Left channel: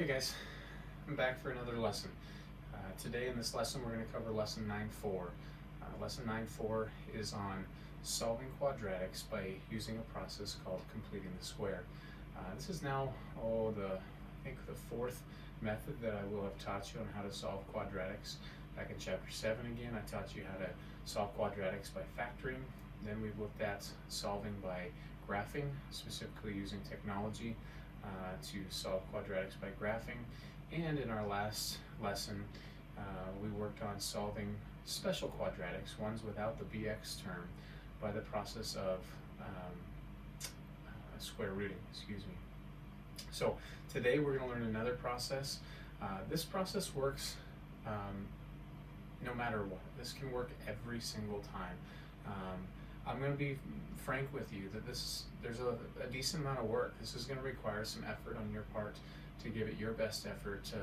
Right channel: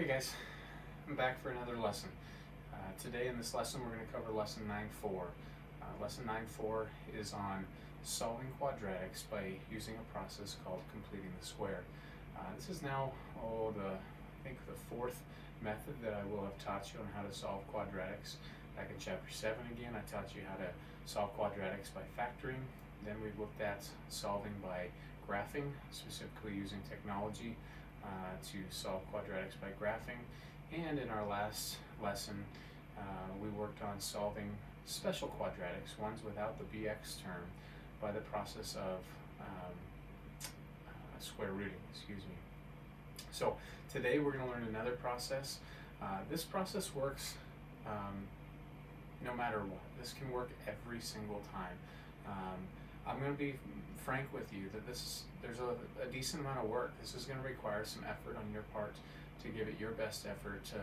Hey guys, I'm back for another lesson. Today in this lesson we're going to cover lesson 9.4. Lesson 9.4 is on solving quadratics by using a process called completing the square. This is now I think the fourth method that I will have taught you on how to solve quadratics. Back in chapter 7 again I taught you how to solve quadratics by factoring. Then we've looked at solving by graphing, specifically using technology to solve quadratics by graphing. And in our last lesson, we worked on solving special quadratics, ones without the bx term, by the process of square rooting, So today we're going to learn another process. This process works no matter what. This can work every single time. I'm going to be frank with you that there's a decent amount of work. This is going to require some effort on your part to give it your best effort to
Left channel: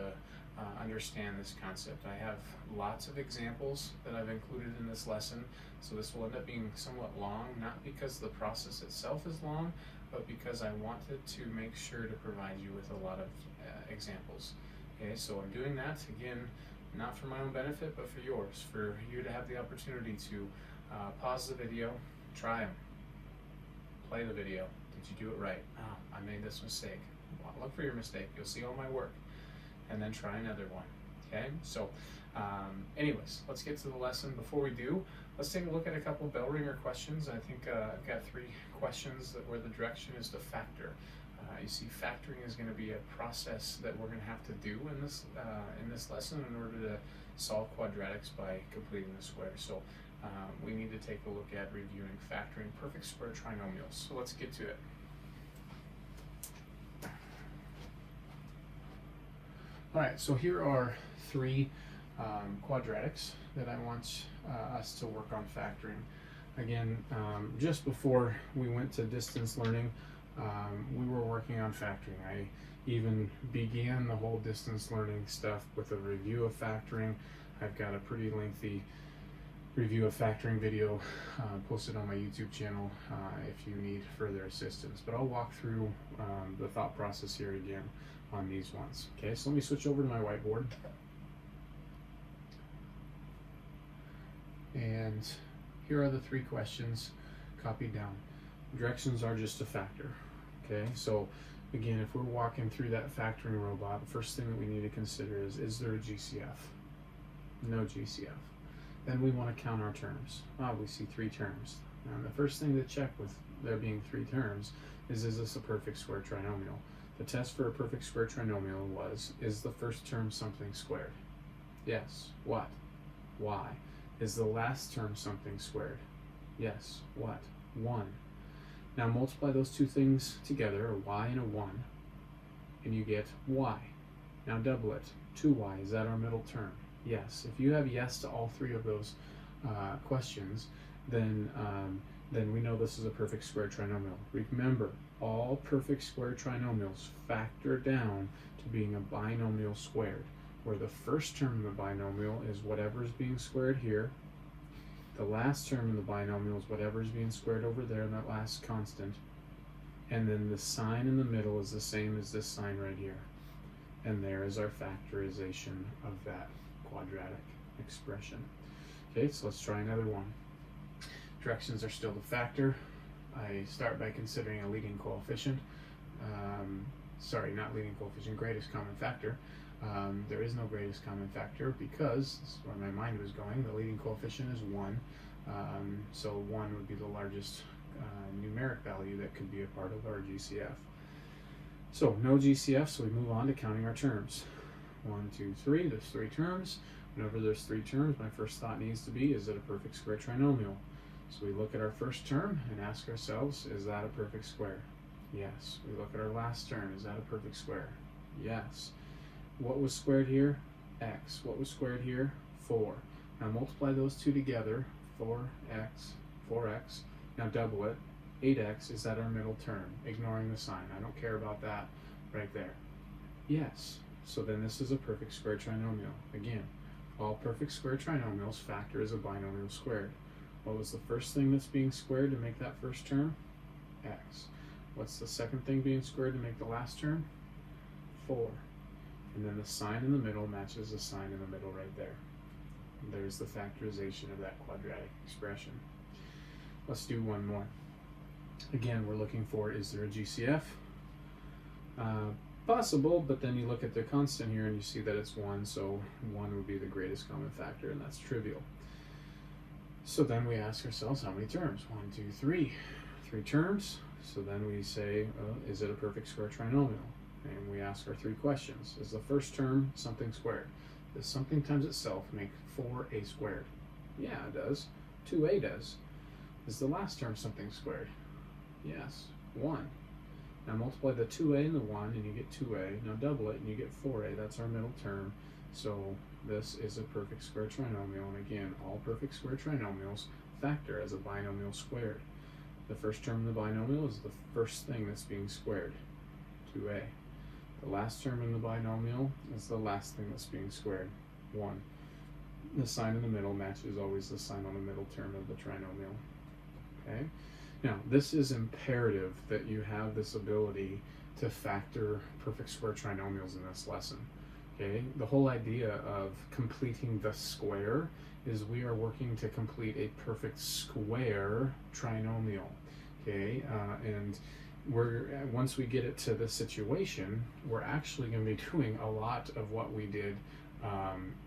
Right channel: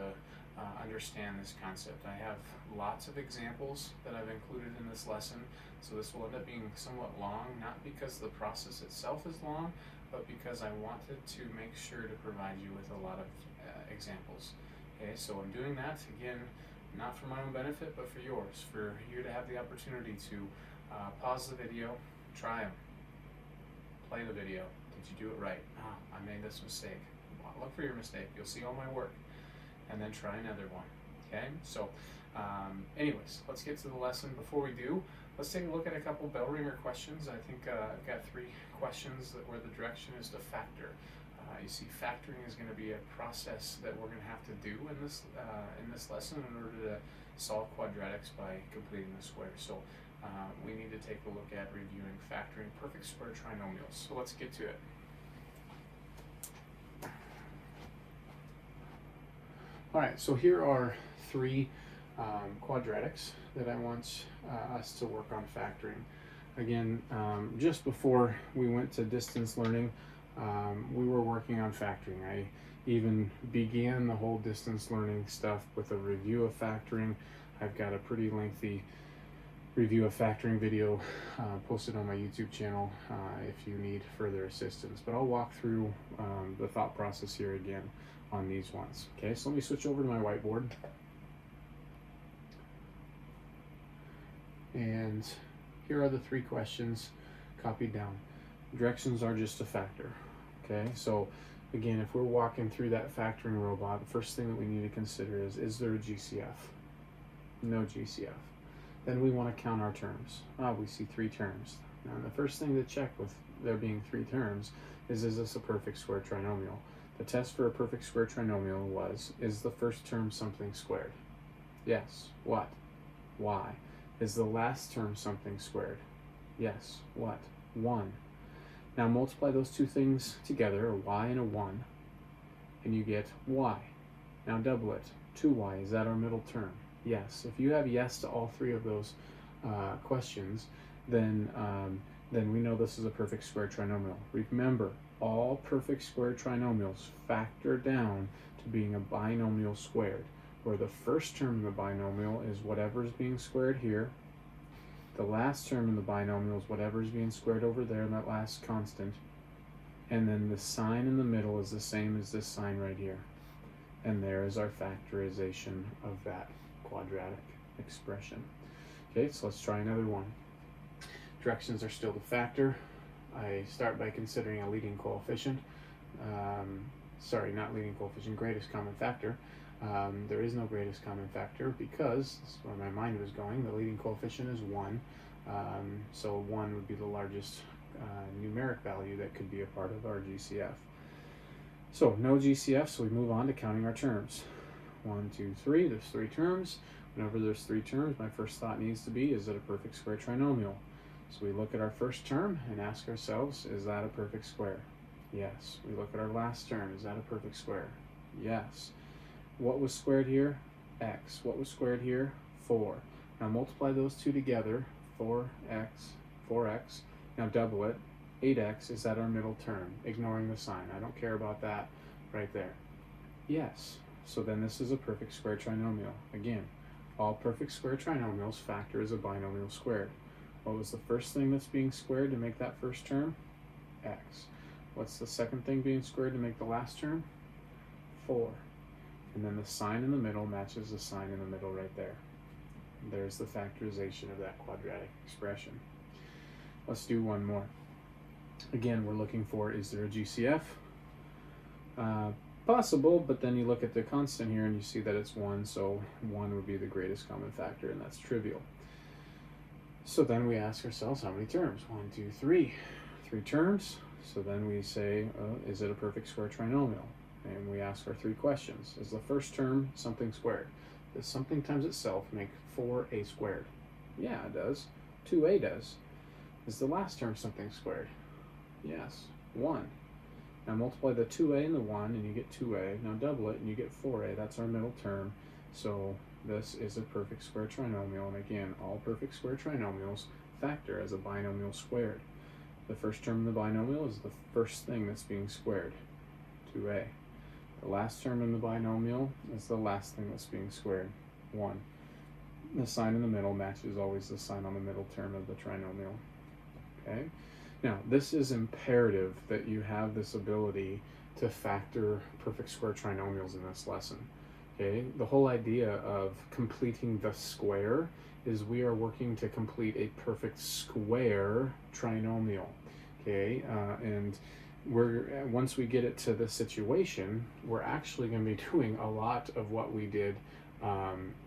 understand this concept. I have lots of examples that I've included in this lesson, so this will end up being somewhat long, not because the process itself is long, but because I wanted to make sure to provide you with a lot of examples. Okay, so I'm doing that, again, not for my own benefit, but for yours, for you to have the opportunity to pause the video, try them, play the video. Did you do it right? I made this mistake. Look for your mistake. You'll see all my work. And then try another one. Okay? So, anyways, let's get to the lesson. Before we do, let's take a look at a couple bell ringer questions. I think I've got 3 questions where the direction is to factor. You see, factoring is going to be a process that we're going to have to do in this lesson in order to solve quadratics by completing the square. So we need to take a look at reviewing factoring perfect square trinomials. So let's get to it. All right, so here are 3 quadratics that I want us to work on factoring. Again, just before we went to distance learning, we were working on factoring. I even began the whole distance learning stuff with a review of factoring. I've got a pretty lengthy review of factoring video posted on my YouTube channel if you need further assistance. But I'll walk through the thought process here again on these ones. Okay, so let me switch over to my whiteboard. And here are the 3 questions copied down. Directions are just to factor. Okay, so again, if we're walking through that factoring robot, the first thing that we need to consider is there a GCF? No GCF. Then we want to count our terms. We see 3 terms. Now the first thing to check with there being 3 terms is this a perfect square trinomial? The test for a perfect square trinomial was, is the first term something squared? Yes. What? Why? Is the last term something squared? Yes. What? 1. Now multiply those 2 things together, a y and a 1, and you get y. Now double it. 2y, is that our middle term? Yes. If you have yes to all 3 of those questions, then we know this is a perfect square trinomial. Remember, all perfect square trinomials factor down to being a binomial squared, where the first term in the binomial is whatever is being squared here. The last term in the binomial is whatever is being squared over there in that last constant. And then the sign in the middle is the same as this sign right here. And there is our factorization of that quadratic expression. Okay, so let's try another one. Directions are still to factor. I start by considering a leading coefficient. Not leading coefficient, greatest common factor. There is no greatest common factor because, this is where my mind was going, the leading coefficient is 1. So 1 would be the largest numeric value that could be a part of our GCF. So no GCF, so we move on to counting our terms. 1, 2, 3, there's 3 terms. Whenever there's 3 terms, my first thought needs to be, is it a perfect square trinomial? So we look at our first term and ask ourselves, is that a perfect square? Yes. We look at our last term, is that a perfect square? Yes. What was squared here? X. What was squared here? 4. Now multiply those 2 together, 4x. Now double it, 8x, is that our middle term? Ignoring the sign, I don't care about that right there. Yes. So then this is a perfect square trinomial. Again, all perfect square trinomials factor as a binomial squared. What was the first thing that's being squared to make that first term? X. What's the second thing being squared to make the last term? 4. And then the sign in the middle matches the sign in the middle right there. There's the factorization of that quadratic expression. Let's do one more. Again, we're looking for, is there a GCF? Possible, but then you look at the constant here and you see that it's 1, so 1 would be the greatest common factor, and that's trivial. So then we ask ourselves, how many terms? 1, 2, 3. 3 terms. So then we say, oh, is it a perfect square trinomial? And we ask our 3 questions. Is the first term something squared? Does something times itself make 4a squared? Yeah, it does. 2a does. Is the last term something squared? Yes, 1. Now multiply the 2a and the 1 and you get 2a. Now double it and you get 4a. That's our middle term. So this is a perfect square trinomial. And again, all perfect square trinomials factor as a binomial squared. The first term in the binomial is the first thing that's being squared, 2a. The last term in the binomial is the last thing that's being squared, 1. The sign in the middle matches always the sign on the middle term of the trinomial. Okay? Now, this is imperative that you have this ability to factor perfect square trinomials in this lesson. Okay? The whole idea of completing the square is we are working to complete a perfect square trinomial. Okay? And once we get it to this situation, we're actually going to be doing a lot of what we did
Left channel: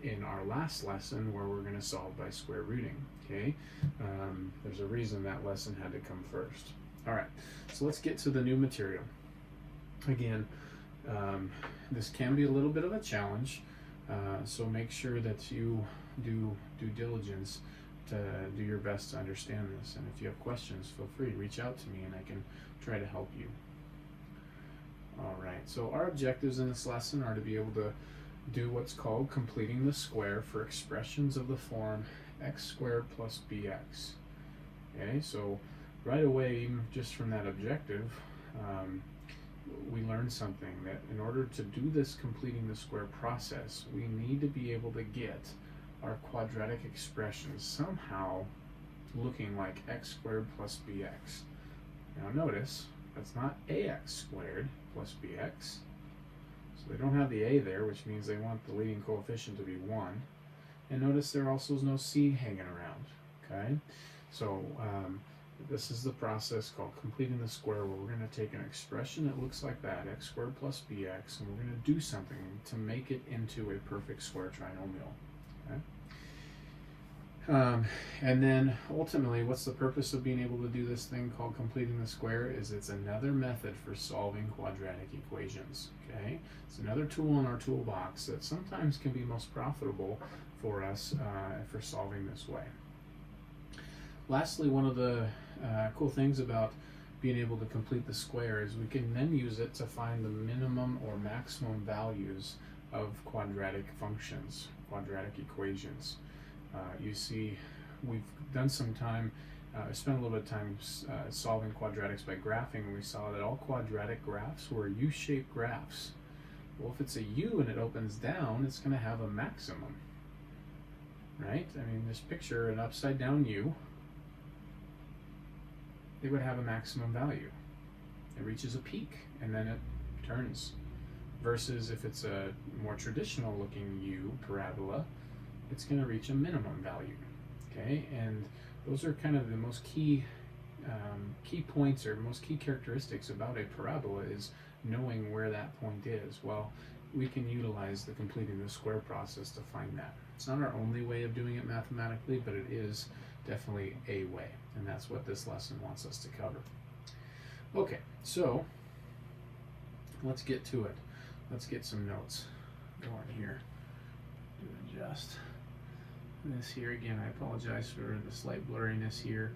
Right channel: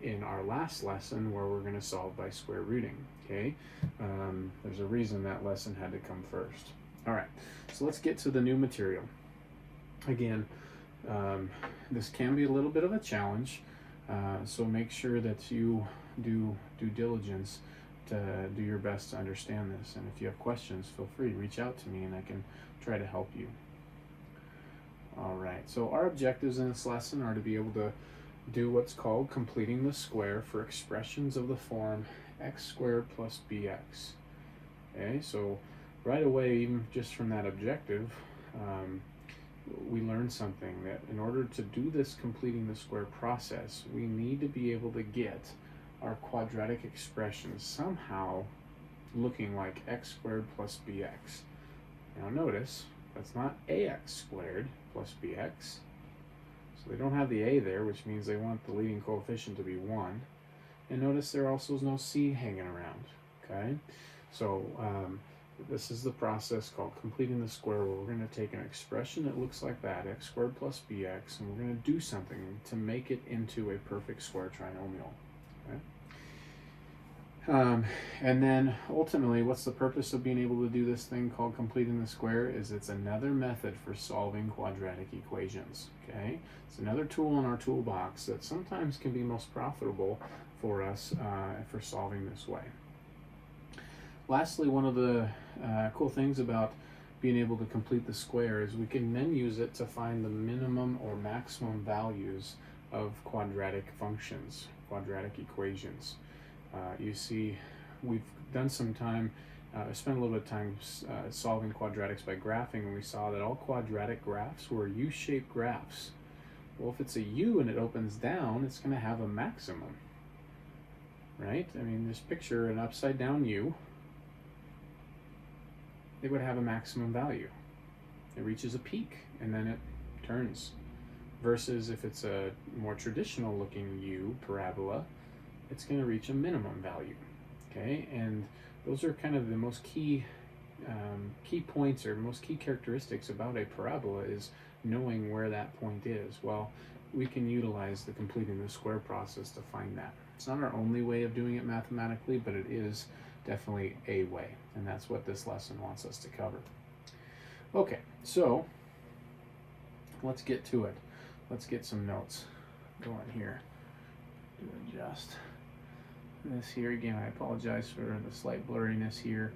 in our last lesson, where we're going to solve by square rooting. Okay, there's a reason that lesson had to come first. All right, so let's get to the new material. Again, this can be a little bit of a challenge, so make sure that you do due diligence to do your best to understand this. And if you have questions, feel free to reach out to me and I can try to help you. All right, so our objectives in this lesson are to be able to do what's called completing the square for expressions of the form x squared plus bx. Okay, so right away, even just from that objective, we learned something, that in order to do this completing the square process, we need to be able to get our quadratic expressions somehow looking like x squared plus bx. Now notice, that's not ax squared plus bx. So they don't have the a there, which means they want the leading coefficient to be 1. And notice there also is no c hanging around. Okay, so this is the process called completing the square, where we're going to take an expression that looks like that, x squared plus bx, and we're going to do something to make it into a perfect square trinomial. Okay? And then ultimately, what's the purpose of being able to do this thing called completing the square? Is it's another method for solving quadratic equations. Okay, it's another tool in our toolbox that sometimes can be most profitable for us for solving this way. Lastly, one of the cool things about being able to complete the square is we can then use it to find the minimum or maximum values of quadratic functions, quadratic equations. You see, we've done some time, spent a little bit of time solving quadratics by graphing, and we saw that all quadratic graphs were U-shaped graphs. Well, if it's a U and it opens down, it's going to have a maximum, right? I mean, just picture an upside down U. It would have a maximum value. It reaches a peak and then it turns. Versus if it's a more traditional looking U parabola, it's going to reach a minimum value. Okay, and those are kind of the most key points, or most key characteristics about a parabola, is knowing where that point is. Well, we can utilize the completing the square process to find that. It's not our only way of doing it mathematically, but it is definitely a way, and that's what this lesson wants us to cover. Okay, so let's get to it. Let's get some notes going here. Do adjust this here again. I apologize for the slight blurriness here.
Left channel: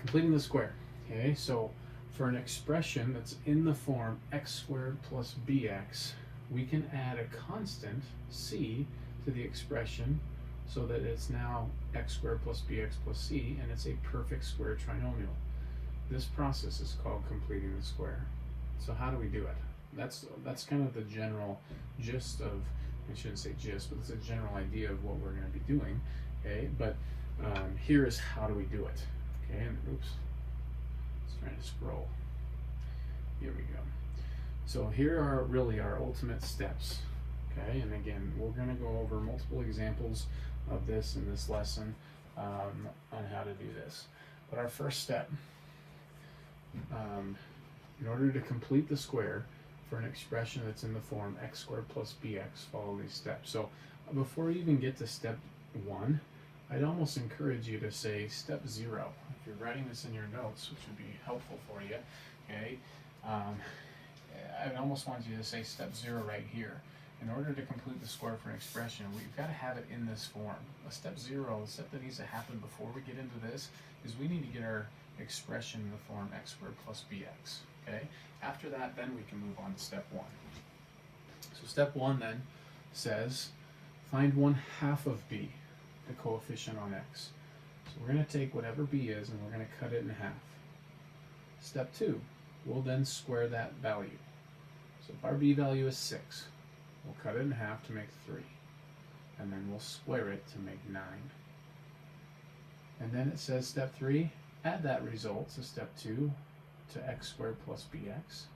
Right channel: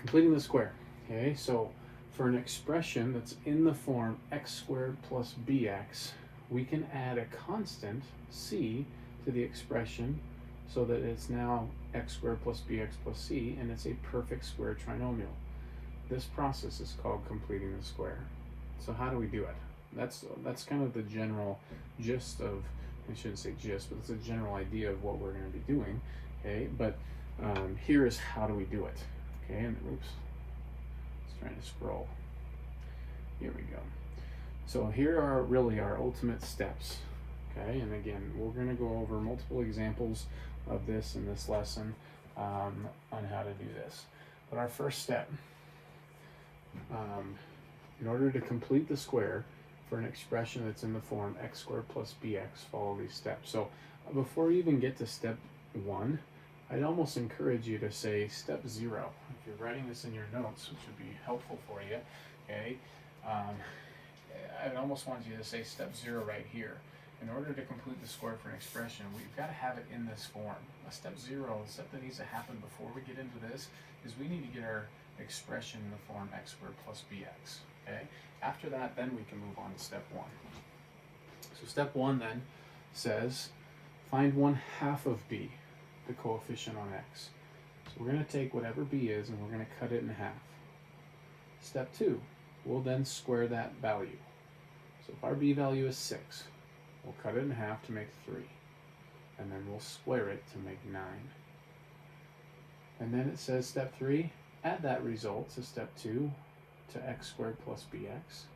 Completing the square. Okay, so for an expression that's in the form x squared plus bx, we can add a constant c to the expression so that it's now x squared plus bx plus c, and it's a perfect square trinomial. This process is called completing the square. So how do we do it? That's kind of the general gist of, I shouldn't say gist, but it's a general idea of what we're going to be doing. Okay, but here is how do we do it. Okay, and oops, it's trying to scroll. Here we go. So here are really our ultimate steps. Okay, and again, we're going to go over multiple examples of this in this lesson on how to do this. But our first step, in order to complete the square for an expression that's in the form x squared plus bx, follow these steps. So before you even get to step 1, I'd almost encourage you to say step 0. If you're writing this in your notes, which would be helpful for you, okay, I would almost want you to say step 0 right here. In order to complete the square for an expression, we've got to have it in this form. A step 0, the step that needs to happen before we get into this, is we need to get our expression in the form x squared plus bx. Okay? After that, then we can move on to step 1. So step 1 then says, find 1/2 of b, the coefficient on x. So we're going to take whatever b is and we're going to cut it in half. Step 2, we'll then square that value. So if our b value is 6, we'll cut it in half to make 3. And then we'll square it to make 9. And then it says step 3, add that result to step 2 to x squared plus bx.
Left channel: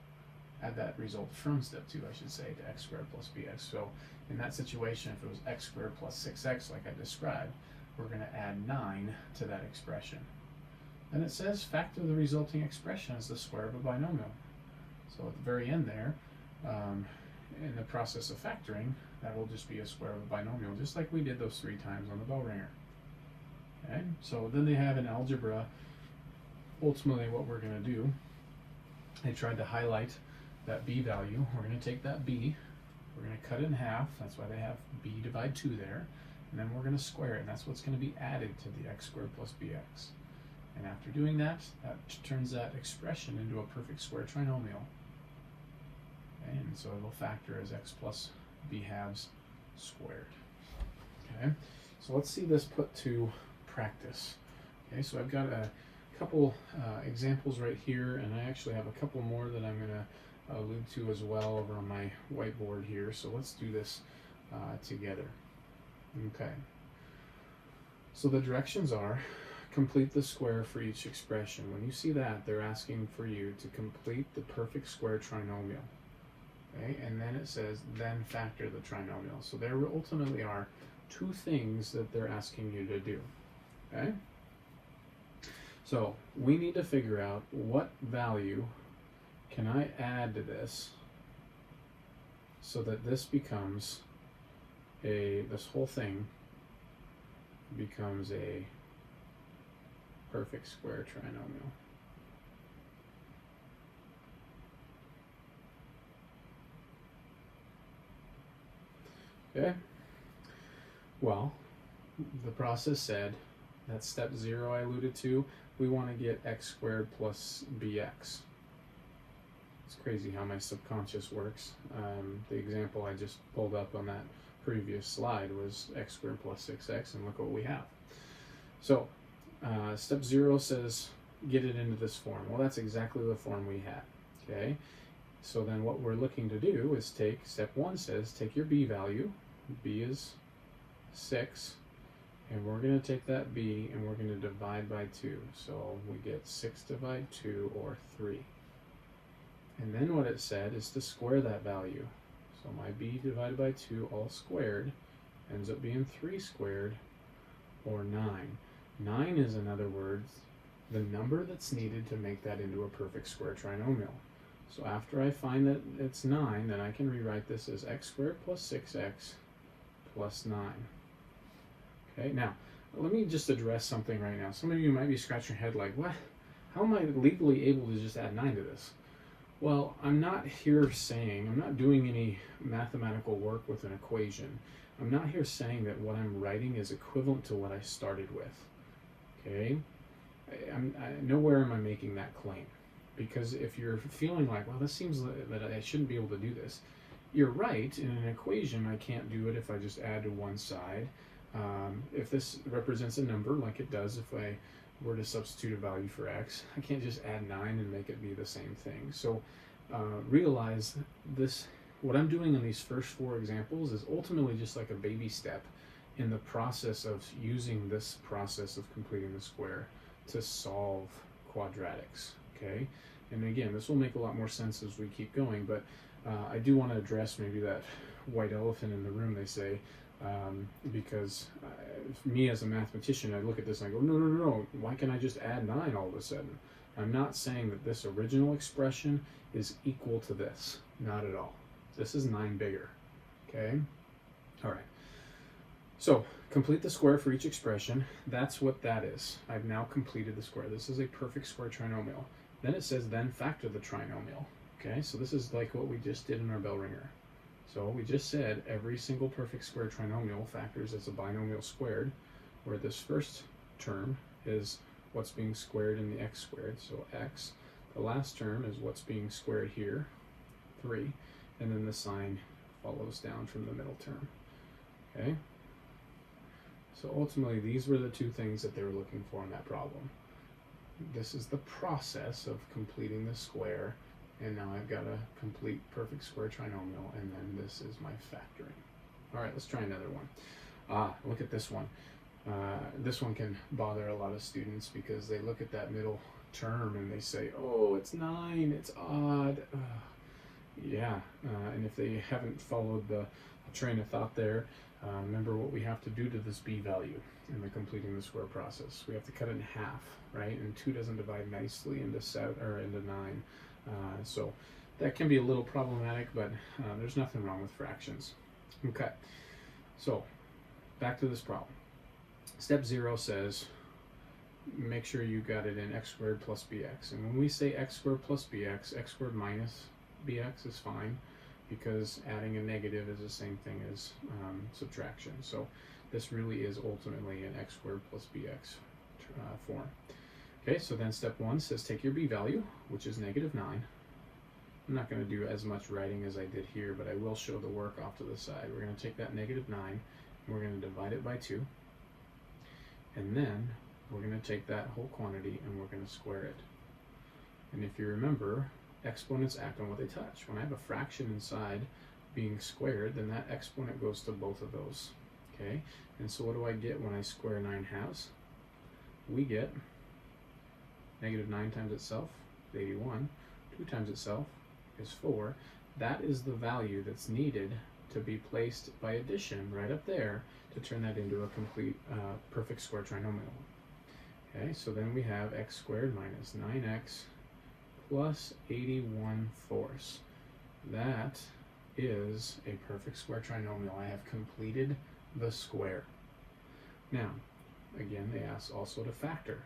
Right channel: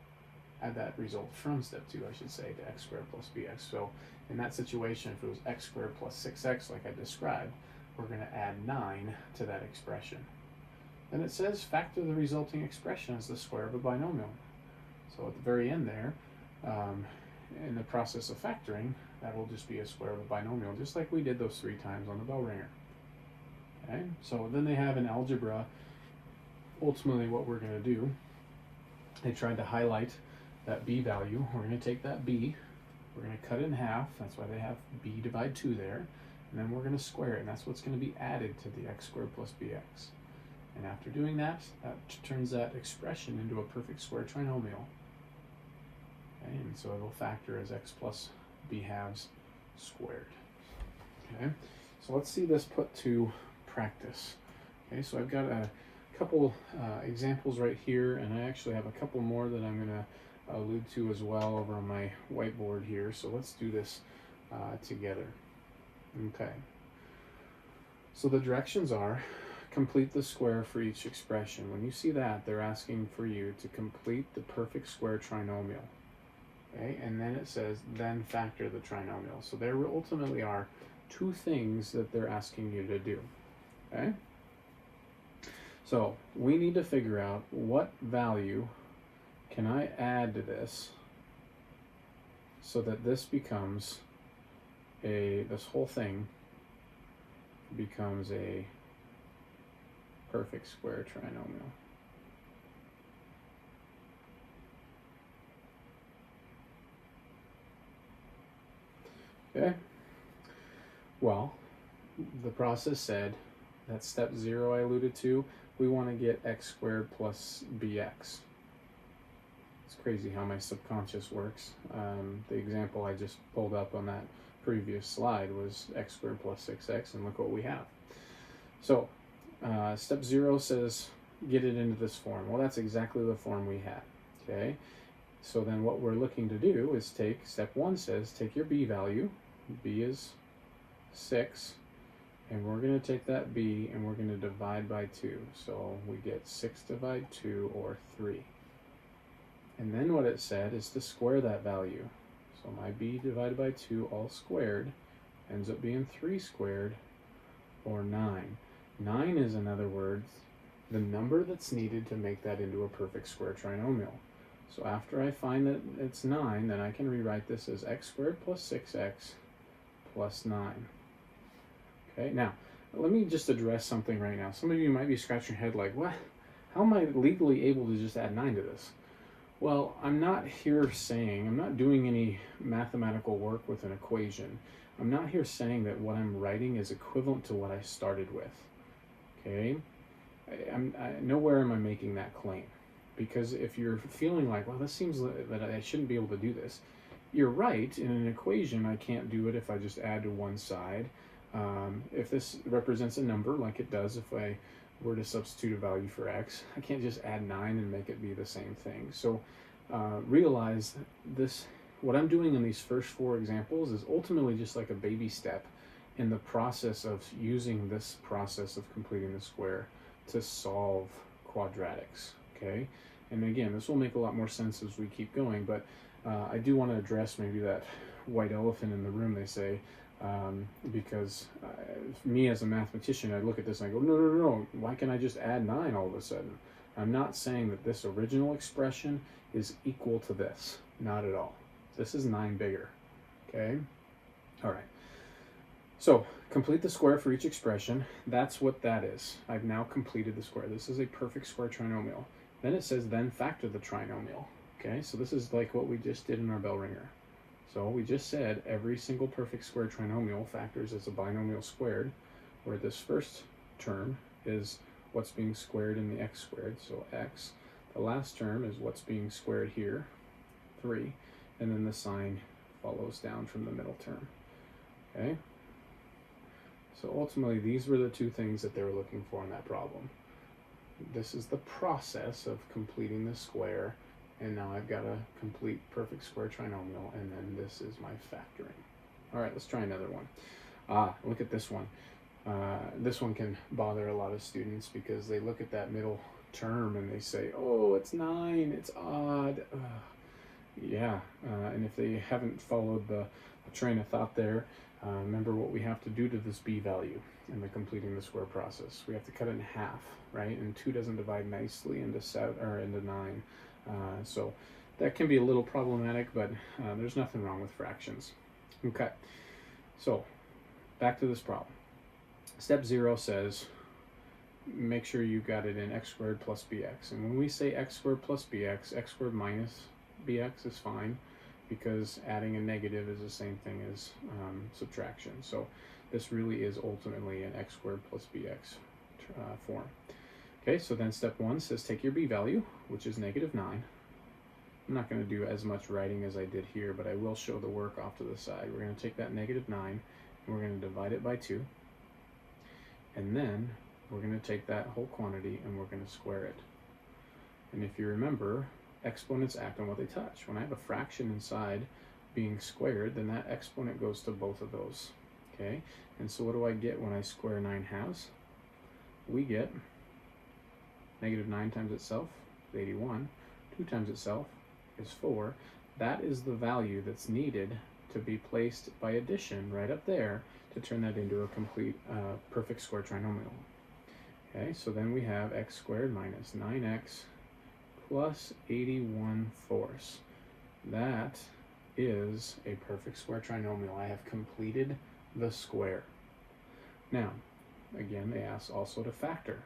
Add that result from step 2, I should say, to x squared plus bx. So in that situation, if it was x squared plus 6x like I described, we're going to add 9 to that expression. Then it says factor the resulting expression as the square of a binomial. So at the very end there, in the process of factoring, that will just be a square of a binomial, just like we did those 3 times on the bell ringer. Okay, so then they have in algebra, ultimately what we're going to do, they tried to highlight that b value. We're going to take that b, we're going to cut it in half, that's why they have b divide 2 there, and then we're going to square it, and that's what's going to be added to the x squared plus bx. And after doing that, that turns that expression into a perfect square trinomial. Okay, and so it'll factor as x plus b halves squared. Okay, so let's see this put to practice. Okay, so I've got a couple examples right here, and I actually have a couple more that I'm going to allude to as well over on my whiteboard here. So let's do this together. Okay, so the directions are complete the square for each expression. When you see that, they're asking for you to complete the perfect square trinomial. Okay, and then it says, then factor the trinomial. So there ultimately are 2 things that they're asking you to do. Okay? So we need to figure out what value can I add to this so that this becomes this whole thing becomes a perfect square trinomial. Okay, well, the process said, that step 0 I alluded to, we want to get x squared plus bx. It's crazy how my subconscious works. The example I just pulled up on that previous slide was x squared plus 6x, and look what we have. So, step 0 says, get it into this form. Well, that's exactly the form we had, okay? So then what we're looking to do is take, step 1 says, take your b value, b is 6, and we're going to take that b and we're going to divide by 2. So we get 6 divided 2, or 3. And then what it said is to square that value. So my b divided by 2 all squared ends up being 3 squared, or 9. 9 is, in other words, the number that's needed to make that into a perfect square trinomial. So after I find that it's 9, then I can rewrite this as x squared plus 6x plus 9. Okay, now, let me just address something right now. Some of you might be scratching your head like, what? How am I legally able to just add 9 to this? Well, I'm not doing any mathematical work with an equation. I'm not here saying that what I'm writing is equivalent to what I started with. Okay? Nowhere am I making that claim. Because if you're feeling like, well, this seems that I shouldn't be able to do this, you're right. In an equation, I can't do it if I just add to one side. If this represents a number, like it does if I were to substitute a value for x, I can't just add 9 and make it be the same thing. So realize this, what I'm doing in these first 4 examples is ultimately just like a baby step in the process of using this process of completing the square to solve quadratics. Okay, And again, this will make a lot more sense as we keep going, but I do want to address maybe that white elephant in the room, they say, because me as a mathematician, I look at this and I go, no, why can't I just add 9 all of a sudden? I'm not saying that this original expression is equal to this, not at all. This is 9 bigger, okay? All right, so complete the square for each expression. That's what that is. I've now completed the square. This is a perfect square trinomial. Then it says, then factor the trinomial. Okay, so this is like what we just did in our bell ringer. So we just said every single perfect square trinomial factors as a binomial squared, where this first term is what's being squared in the x squared, so x. The last term is what's being squared here, 3, and then the sign follows down from the middle term. Okay? So ultimately, these were the two things that they were looking for in that problem. This is the process of completing the square, and now I've got a complete perfect square trinomial, and then this is my factoring. All right, let's try another one. Look at this one. This one can bother a lot of students because they look at that middle term and they say, oh, it's 9, it's odd. And if they haven't followed the train of thought there, remember what we have to do to this b value in the completing the square process. We have to cut it in half, right? And 2 doesn't divide nicely into 7 or into 9. So that can be a little problematic, but there's nothing wrong with fractions. Okay, so back to this problem. Step 0 says make sure you got it in x squared plus bx. And when we say x squared plus bx, x squared minus bx is fine, because adding a negative is the same thing as subtraction. So this really is ultimately an x squared plus bx form. Okay, so then step 1 says take your b value, which is -9. I'm not going to do as much writing as I did here, but I will show the work off to the side. We're going to take that -9, and we're going to divide it by 2. And then we're going to take that whole quantity and we're going to square it. And if you remember, exponents act on what they touch. When I have a fraction inside being squared, then that exponent goes to both of those. Okay, and so what do I get when I square 9 halves? We get -9 times itself is 81. 2 times itself is 4. That is the value that's needed to be placed by addition right up there to turn that into a complete perfect square trinomial. Okay, so then we have x squared minus 9x plus 81/4. That is a perfect square trinomial. I have completed the square. Now, again, they ask also to factor.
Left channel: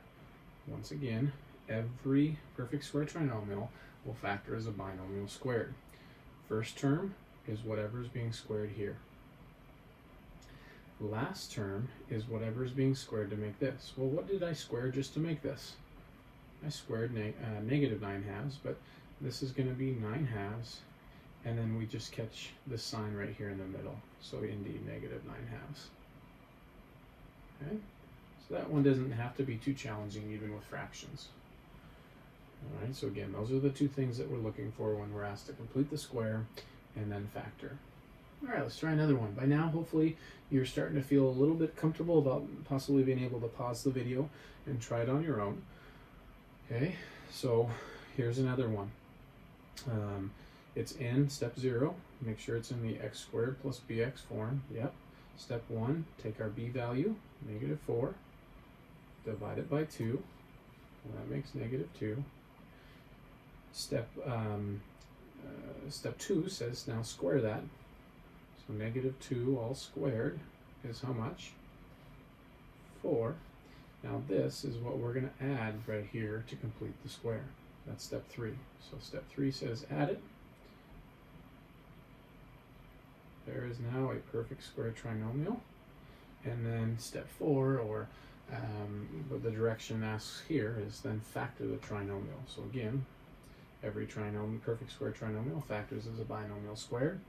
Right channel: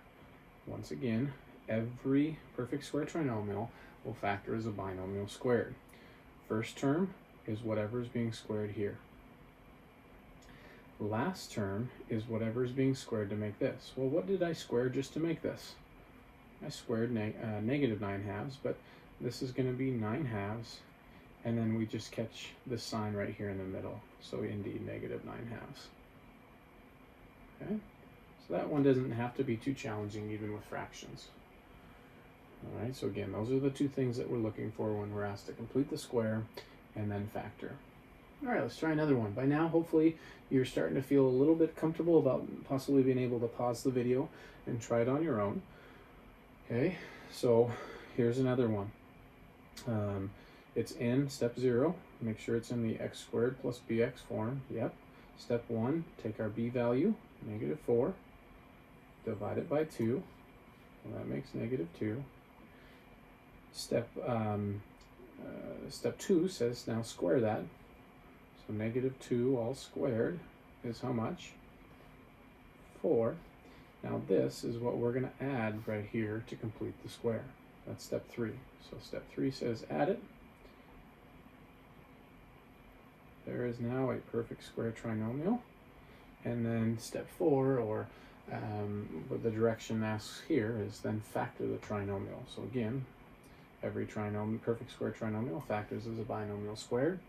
Once again, every perfect square trinomial will factor as a binomial squared. First term is whatever is being squared here. Last term is whatever is being squared to make this. Well, what did I square just to make this? I squared -9 halves, but this is going to be 9 halves, and then we just catch this sign right here in the middle. So indeed, -9 halves. Okay, so that one doesn't have to be too challenging even with fractions. All right, so again, those are the two things that we're looking for when we're asked to complete the square and then factor. All right, let's try another one. By now, hopefully, you're starting to feel a little bit comfortable about possibly being able to pause the video and try it on your own. Okay, so here's another one. It's in step 0. Make sure it's in the x squared plus bx form. Yep. Step 1, take our b value, -4, divide it by 2. And that makes -2. Step 2 says now square that. So -2 all squared is how much? 4. Now this is what we're going to add right here to complete the square. That's step 3. So step 3 says add it. There is now a perfect square trinomial. And then step 4, or what the direction asks here, is then factor the trinomial. So again, every perfect square trinomial factors as a binomial squared.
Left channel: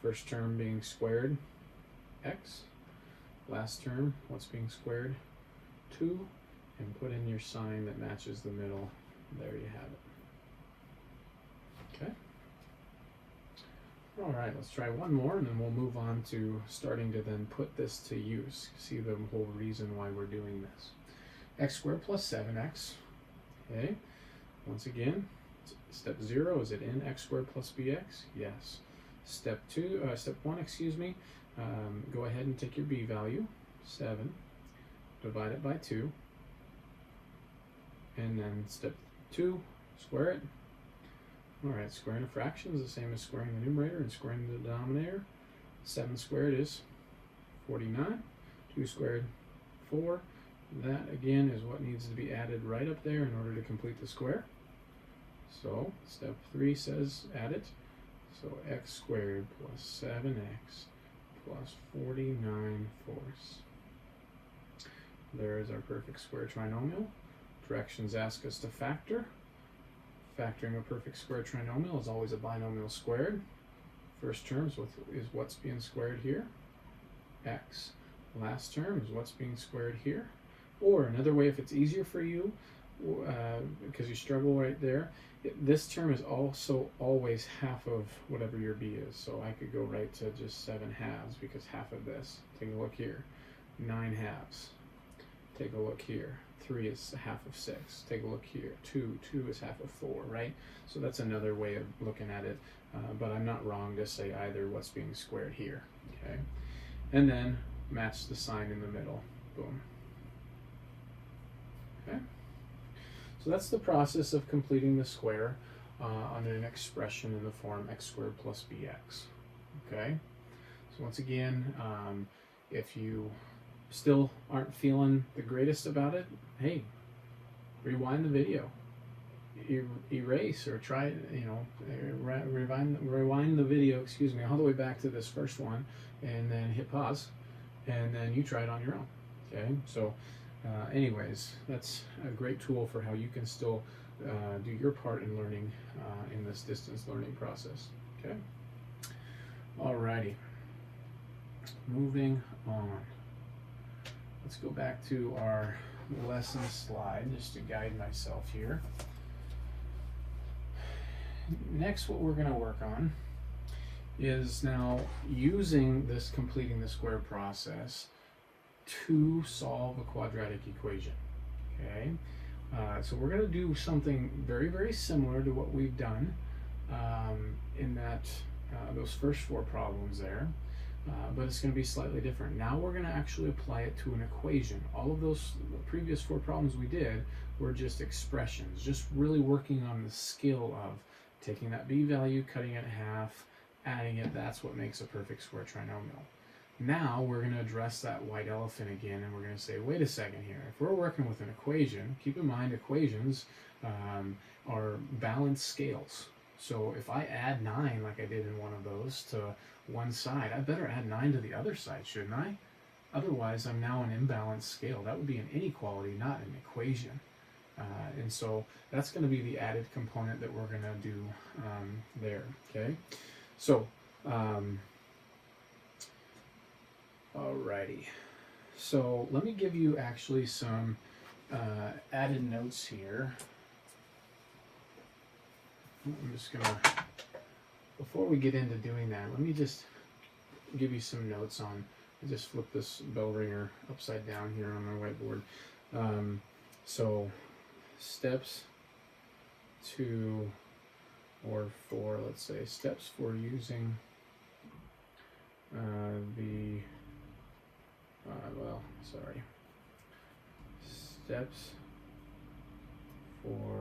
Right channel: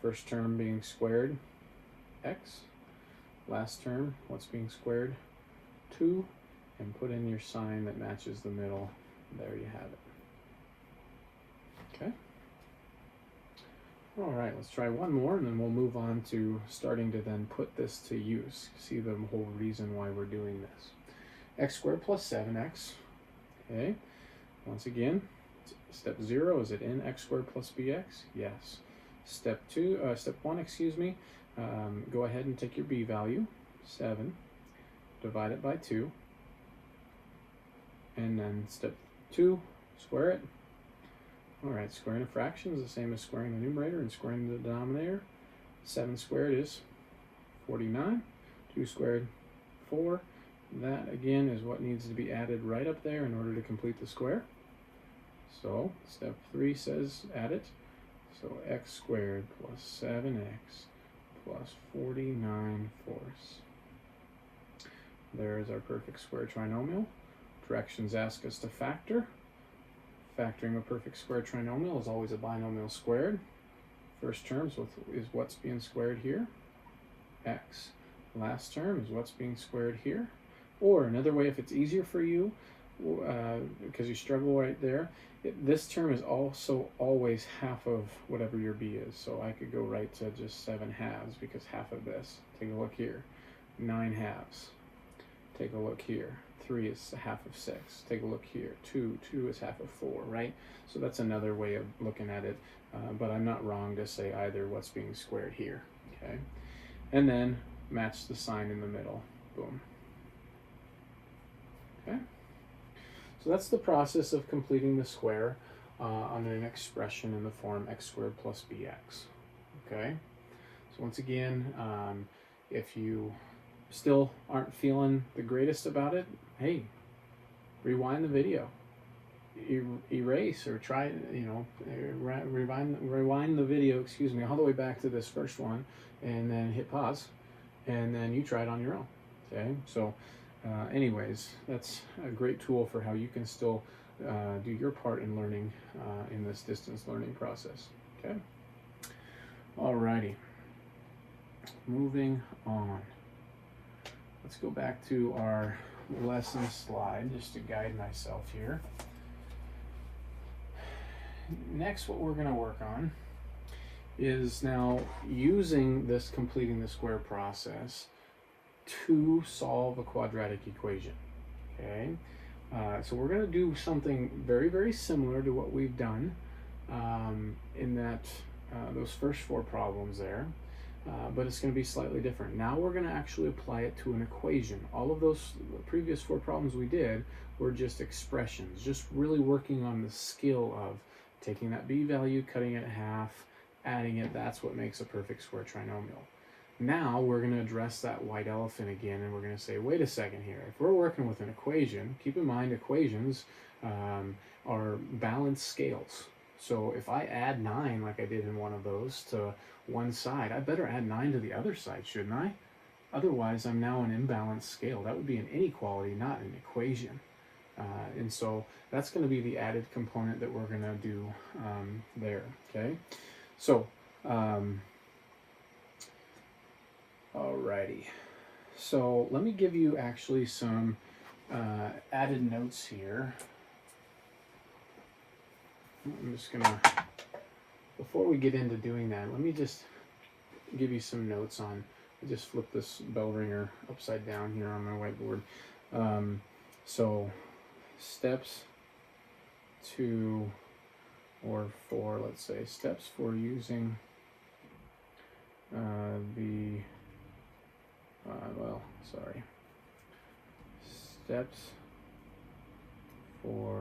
First term being squared, x. Last term, what's being squared? 2. And put in your sign that matches the middle. There you have it. Okay. All right, let's try one more, and then we'll move on to starting to then put this to use. See the whole reason why we're doing this. X squared plus 7x. Okay. Once again, Step 0, is it in x squared plus bx? Yes. Step 1, excuse me, go ahead and take your b value, 7, divide it by 2, and then step 2, square it. Alright, squaring a fraction is the same as squaring the numerator and squaring the denominator. 7 squared is 49, 2 squared, 4. That again is what needs to be added right up there in order to complete the square. So step 3 says add it. So x squared plus 7x plus 49 fourths. There's our perfect square trinomial. Directions ask us to factor. Factoring a perfect square trinomial is always a binomial squared. First term is what's being squared here, x. Last term is what's being squared here. Or another way, if it's easier for you, because you struggle right there, this term is also always half of whatever your b is. So I could go right to just 7 halves because half of this. Take a look here, 9 halves. Take a look here, 3 is half of 6. Take a look here, 2 is half of 4, right? So that's another way of looking at it, but I'm not wrong to say either what's being squared here, okay? And then match the sign in the middle, boom. Okay, so that's the process of completing the square on an expression in the form x squared plus bx. Okay, so once again, if you still aren't feeling the greatest about it, hey, rewind the video, erase or try, rewind the video, excuse me, all the way back to this first one, and then hit pause, and then you try it on your own. Okay, so anyways, that's a great tool for how you can still do your part in learning in this distance learning process. Okay, alrighty, moving on. Let's go back to our lesson slide just to guide myself here. Next, what we're going to work on is now using this completing the square process to solve a quadratic equation. Okay, so we're going to do something very, very similar to what we've done in that those first 4 problems there, but it's going to be slightly different. Now we're going to actually apply it to an equation. All of those previous 4 problems we did were just expressions, just really working on the skill of taking that b value, cutting it in half, adding it. That's what makes a perfect square trinomial. Now we're going to address that white elephant again, and we're going to say, wait a second here. If we're working with an equation, keep in mind equations are balanced scales. So if I add 9, like I did in one of those, to one side, I better add 9 to the other side, shouldn't I? Otherwise, I'm now an imbalanced scale. That would be an inequality, not an equation. And so that's going to be the added component that we're going to do there, okay? So, alrighty. So let me give you actually some added notes here. I'm just going to, before we get into doing that, let me just give you some notes on, I just flipped this bell ringer upside down here on my whiteboard. So steps 2 or 4, let's say, steps for using steps for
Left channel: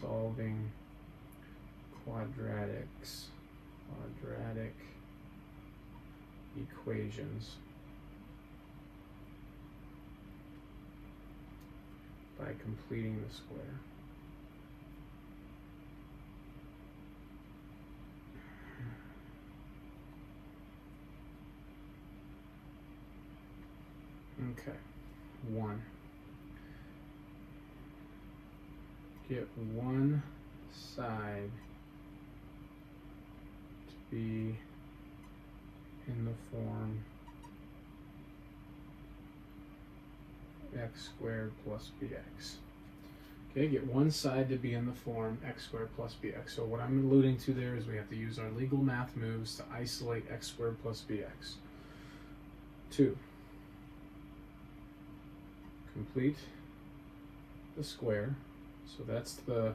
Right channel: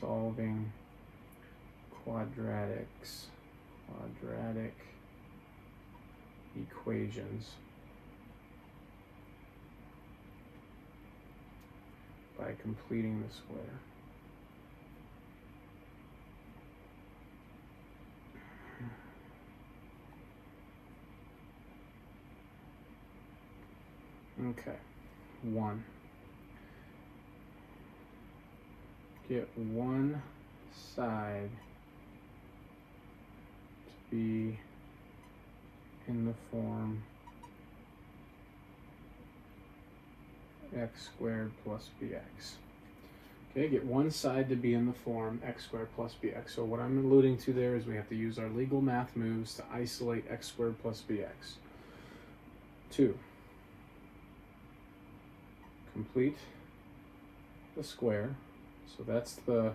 solving quadratic equations by completing the square. Okay, 1. Get one side to be in the form x squared plus bx. Okay, get one side to be in the form x squared plus bx. So what I'm alluding to there is we have to use our legal math moves to isolate x squared plus bx. 2. Complete the square. So that's the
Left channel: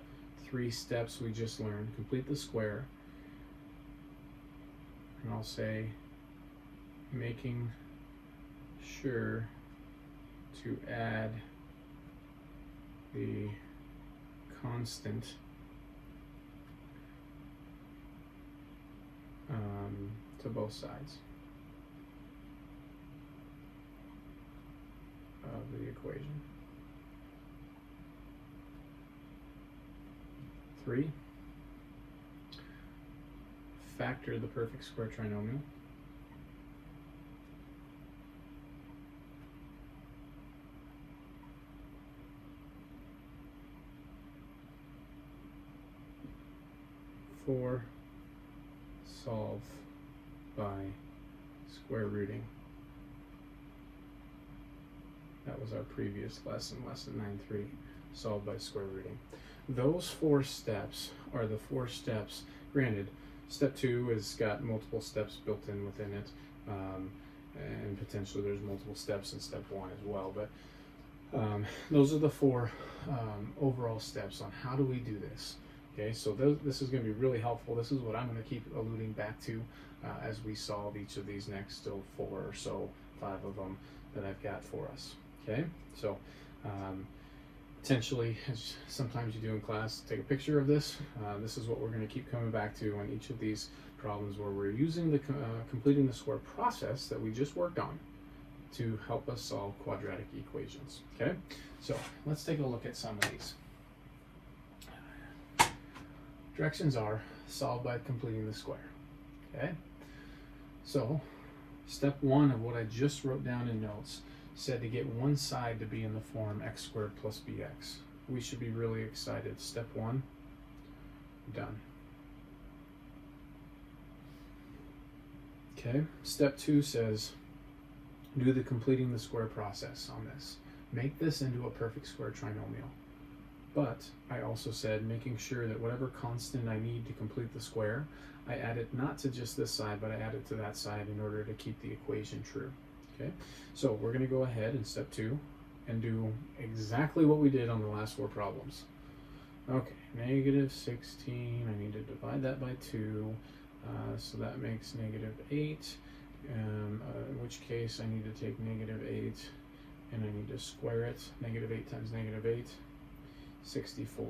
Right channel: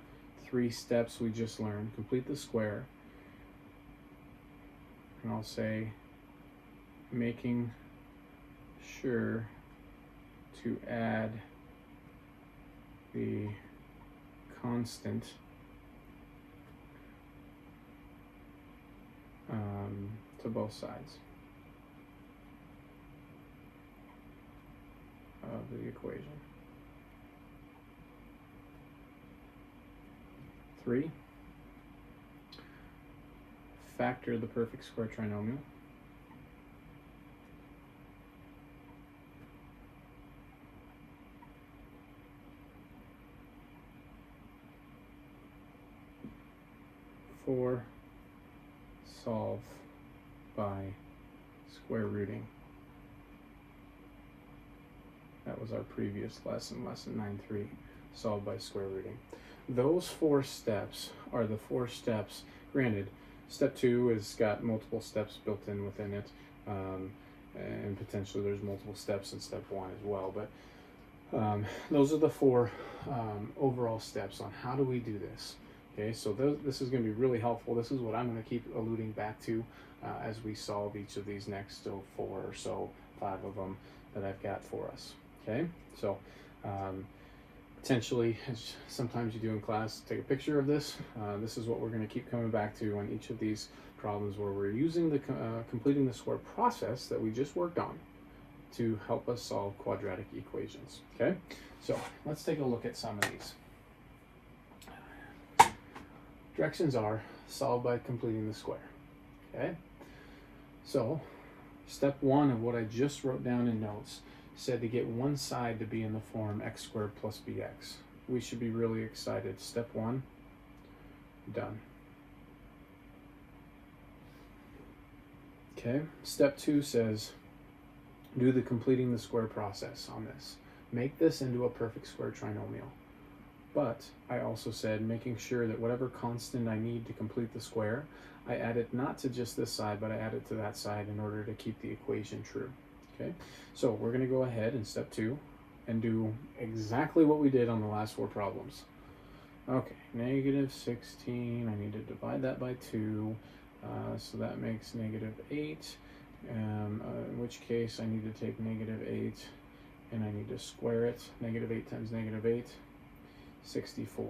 3 steps we just learned. Complete the square. And I'll say making sure to add the constant to both sides of the equation. 3, factor the perfect square trinomial. 4, solve by square rooting. That was our previous lesson, lesson 9.3, solve by square rooting. Those 4 steps are the 4 steps. Granted, step 2 has got multiple steps built in within it, and potentially there's multiple steps in step 1 as well, but those are the 4 overall steps on how do we do this. Okay, so this is going to be really helpful. This is what I'm going to keep alluding back to as we solve each of these next 4 or so, 5 of them that I've got for us. Okay, so potentially, as sometimes you do in class, take a picture of this. This is what we're going to keep coming back to on each of these problems where we're using the completing the square process that we just worked on to help us solve quadratic equations. Okay, so let's take a look at some of these. Directions are solve by completing the square. Okay, so step 1 of what I just wrote down in notes said to get one side to be in the form x squared plus bx. We should be really excited. Step 1, done. Okay, step 2 says do the completing the square process on this. Make this into a perfect square trinomial. But I also said making sure that whatever constant I need to complete the square, I add it not to just this side, but I add it to that side in order to keep the equation true. Okay, so we're going to go ahead in step 2 and do exactly what we did on the last 4 problems. Okay, negative 16, I need to divide that by 2, so that makes negative 8, in which case I need to take negative 8 and I need to square it. Negative 8 times negative 8. 64.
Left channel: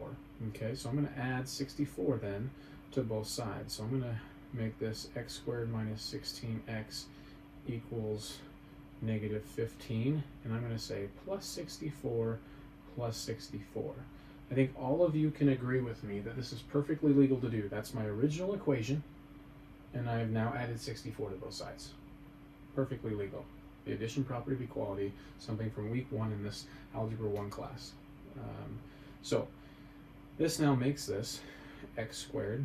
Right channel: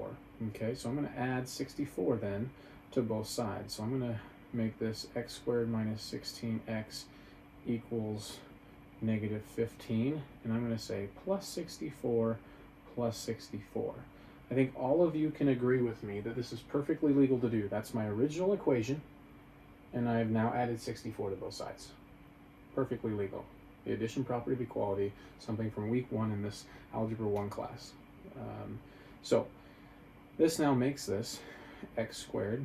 Okay, so I'm going to add 64 then to both sides. So I'm going to make this x squared minus 16x equals negative 15, and I'm going to say plus 64 plus 64. I think all of you can agree with me that this is perfectly legal to do. That's my original equation, and I've now added 64 to both sides. Perfectly legal. The addition property of equality, something from week 1 in this Algebra 1 class. So this now makes this x squared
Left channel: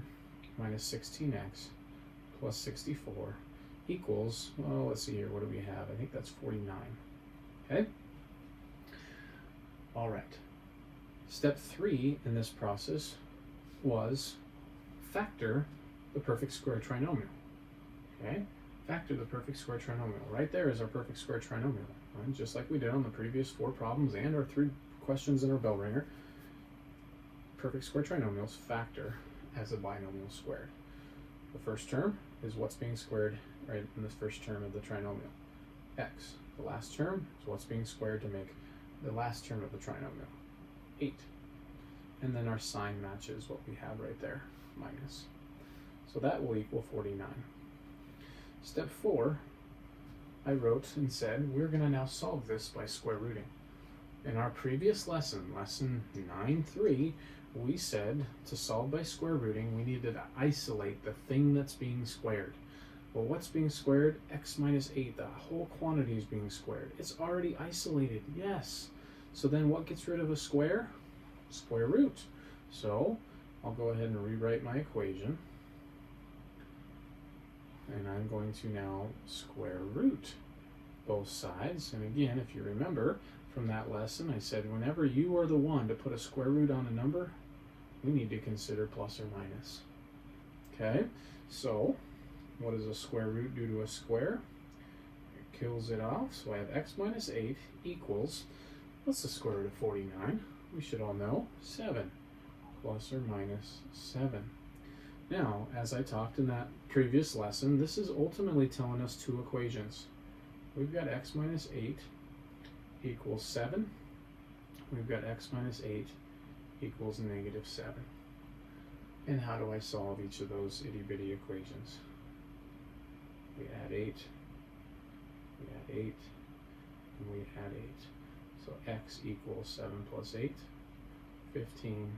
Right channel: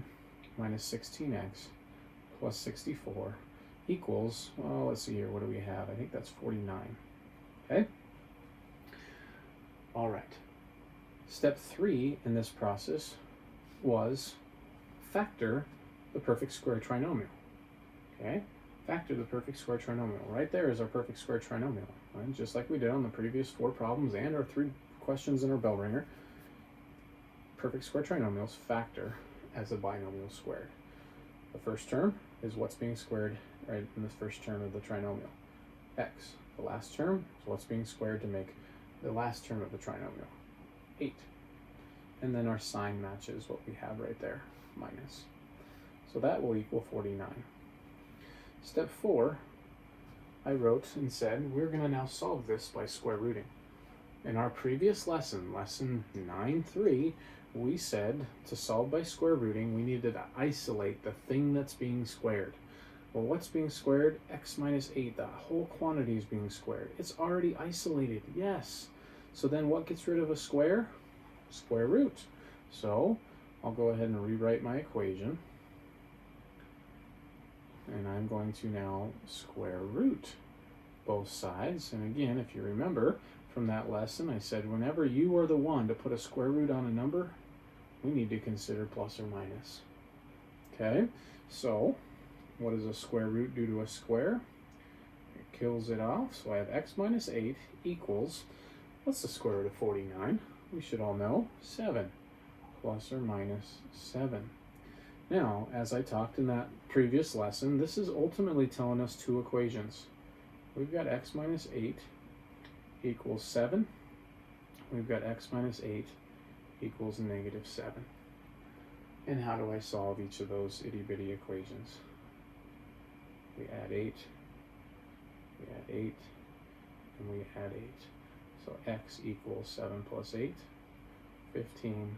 minus 16x plus 64 equals, well, let's see here, what do we have? I think that's 49. Okay? All right. Step 3 in this process was factor the perfect square trinomial. Okay? Factor the perfect square trinomial. Right there is our perfect square trinomial. Right? Just like we did on the previous 4 problems and our 3 questions in our bell ringer. Perfect square trinomials factor as a binomial squared. The first term is what's being squared right in the first term of the trinomial. X. The last term is what's being squared to make the last term of the trinomial. 8. And then our sign matches what we have right there, minus. So that will equal 49. Step 4, I wrote and said we're going to now solve this by square rooting. In our previous lesson, lesson 9.3, we said to solve by square rooting, we needed to isolate the thing that's being squared. Well, what's being squared? X minus 8, the whole quantity is being squared. It's already isolated, yes. So then what gets rid of a square? Square root. So I'll go ahead and rewrite my equation. And I'm going to now square root both sides. And again, if you remember from that lesson, I said whenever you are the one to put a square root on a number, we need to consider plus or minus. Okay, so what does a square root do to a square? It kills it off. So I have x minus 8 equals, what's the square root of 49? We should all know, 7. plus or minus 7. Now, as I talked in that previous lesson, this is ultimately telling us two equations. We've got x minus 8 equals 7. We've got x minus 8 equals negative 7. And how do I solve each of those itty-bitty equations? We add 8, we add 8, and we add 8. So x equals 7 plus 8, 15,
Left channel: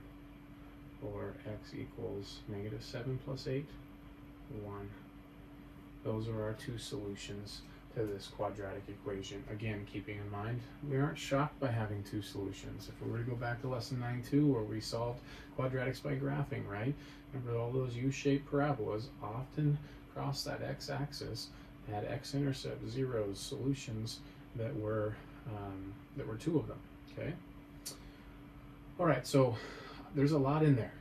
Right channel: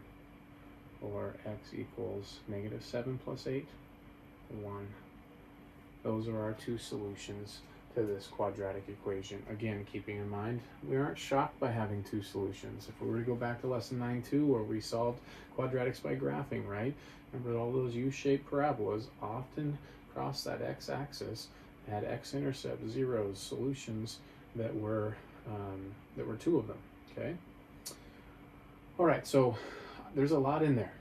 or x equals negative 7 plus 8, 1. Those are our two solutions to this quadratic equation. Again, keeping in mind, we aren't shocked by having two solutions. If we were to go back to lesson 9.2 where we solved quadratics by graphing, right? Remember all those U-shaped parabolas often cross that x-axis, had x-intercept zeros, solutions that were two of them, okay? All right, so there's a lot in there.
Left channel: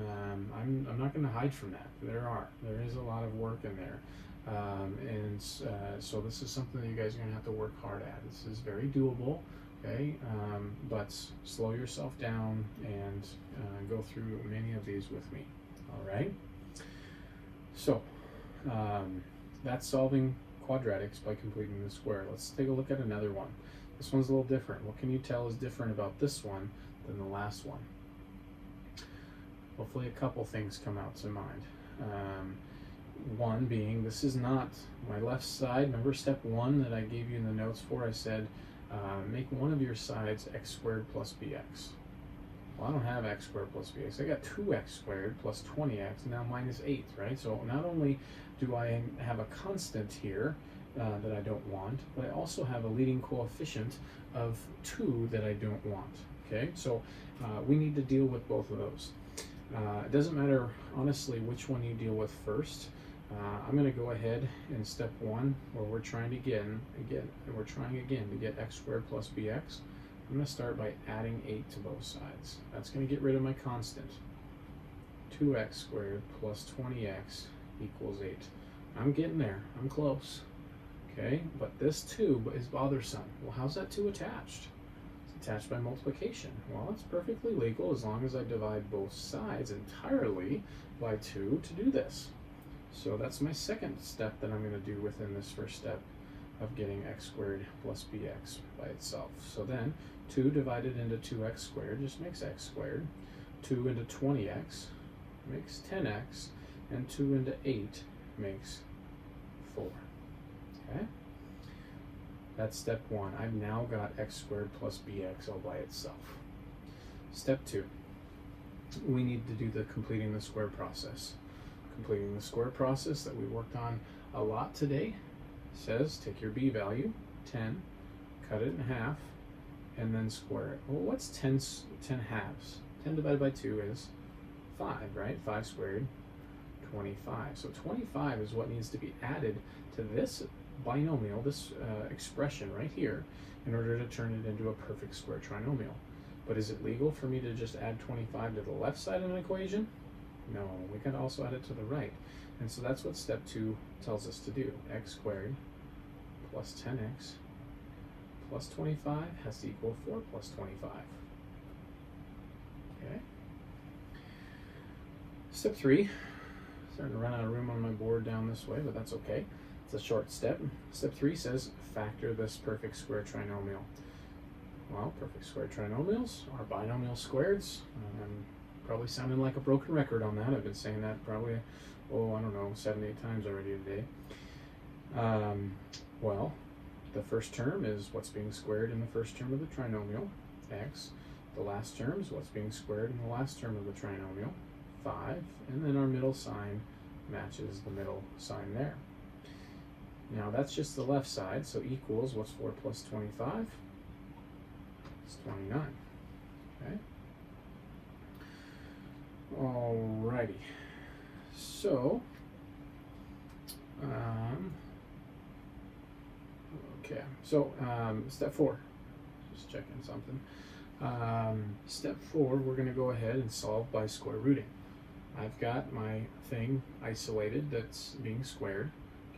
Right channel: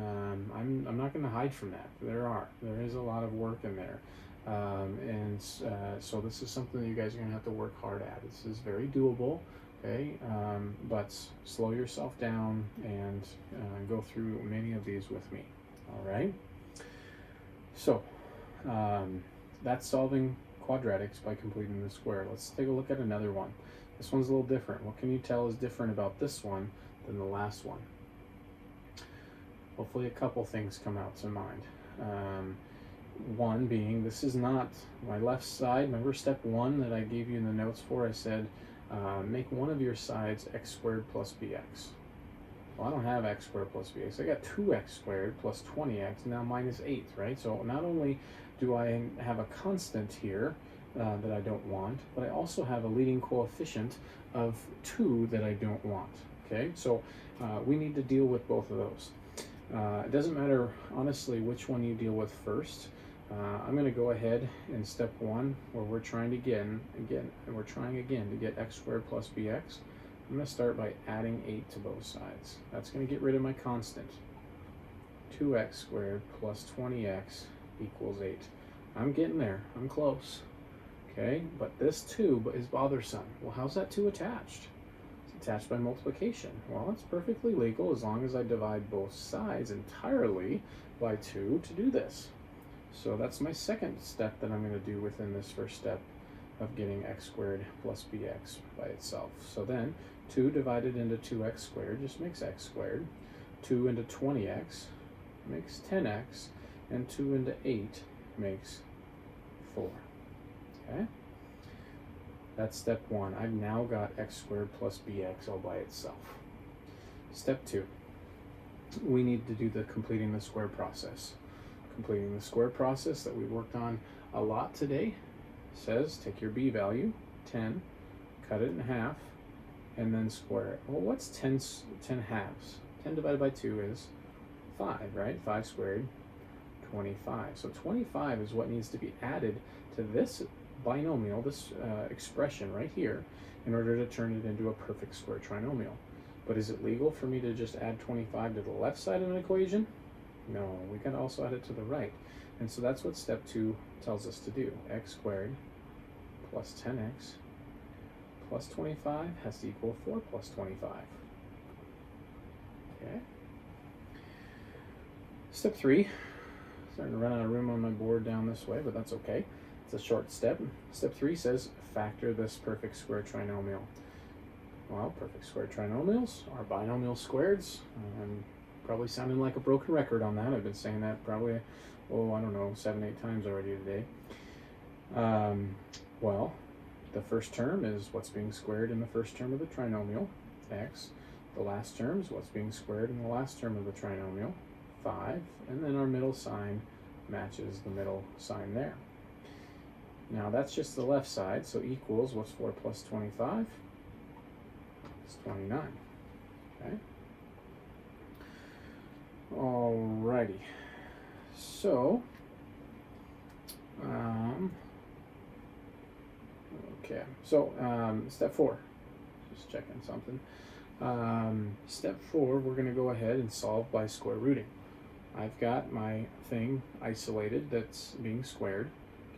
I'm not going to hide from that. There is a lot of work in there. So this is something that you guys are going to have to work hard at. This is very doable, okay? But slow yourself down and go through many of these with me, all right? So that's solving quadratics by completing the square. Let's take a look at another one. This one's a little different. What can you tell is different about this one than the last one? Hopefully a couple things come out to mind. One being, this is not my left side. Remember step 1 that I gave you in the notes for? I said, make one of your sides x squared plus bx. Well, I don't have x squared plus bx. I got 2x squared plus 20x, now minus 8, right? So not only do I have a constant here that I don't want, but I also have a leading coefficient of 2 that I don't want, okay? So we need to deal with both of those. It doesn't matter, honestly, which one you deal with first. I'm going to go ahead in step 1 where we're trying to get x squared plus bx. I'm going to start by adding 8 to both sides. That's going to get rid of my constant. 2x squared plus 20x equals 8. I'm getting there. I'm close. Okay, but this 2 is bothersome. Well, how's that 2 attached? It's attached by multiplication. Well, it's perfectly legal as long as I divide both sides entirely by 2 to do this. So that's my second step that I'm going to do within this first step of getting x squared plus bx by itself. So then 2 divided into 2x squared just makes x squared. 2 into 20x makes 10x. And 2 into 8 makes 4. Okay? That's step 1. I've now got x squared plus bx all by itself. Step 2. We need to do the completing the square process. Completing the square process that we worked on a lot today says take your b value, 10, cut it in half, and then square it. Well, what's 10 halves? 10 divided by 2 is 5, right? 5 squared, 25. So 25 is what needs to be added to this binomial, this expression right here, in order to turn it into a perfect square trinomial. But is it legal for me to just add 25 to the left side of an equation? No, we can also add it to the right. And so that's what step 2 tells us to do. X squared plus 10x plus 25 has to equal 4 plus 25. Okay. Step 3. Starting to run out of room on my board down this way, but that's okay. It's a short step. Step 3 says factor this perfect square trinomial. Well, perfect square trinomials are binomial squareds. I'm probably sounding like a broken record on that. I've been saying that probably, oh, I don't know, 7, 8 times already today. Well, the first term is what's being squared in the first term of the trinomial, x. The last term is what's being squared in the last term of the trinomial, 5. And then our middle sign matches the middle sign there. Now that's just the left side, so equals, what's 4 plus 25? It's 29. Okay. Alrighty. So, okay. So, step 4. Just checking something. Step 4, we're going to go ahead and solve by square rooting. I've got my thing isolated that's being squared.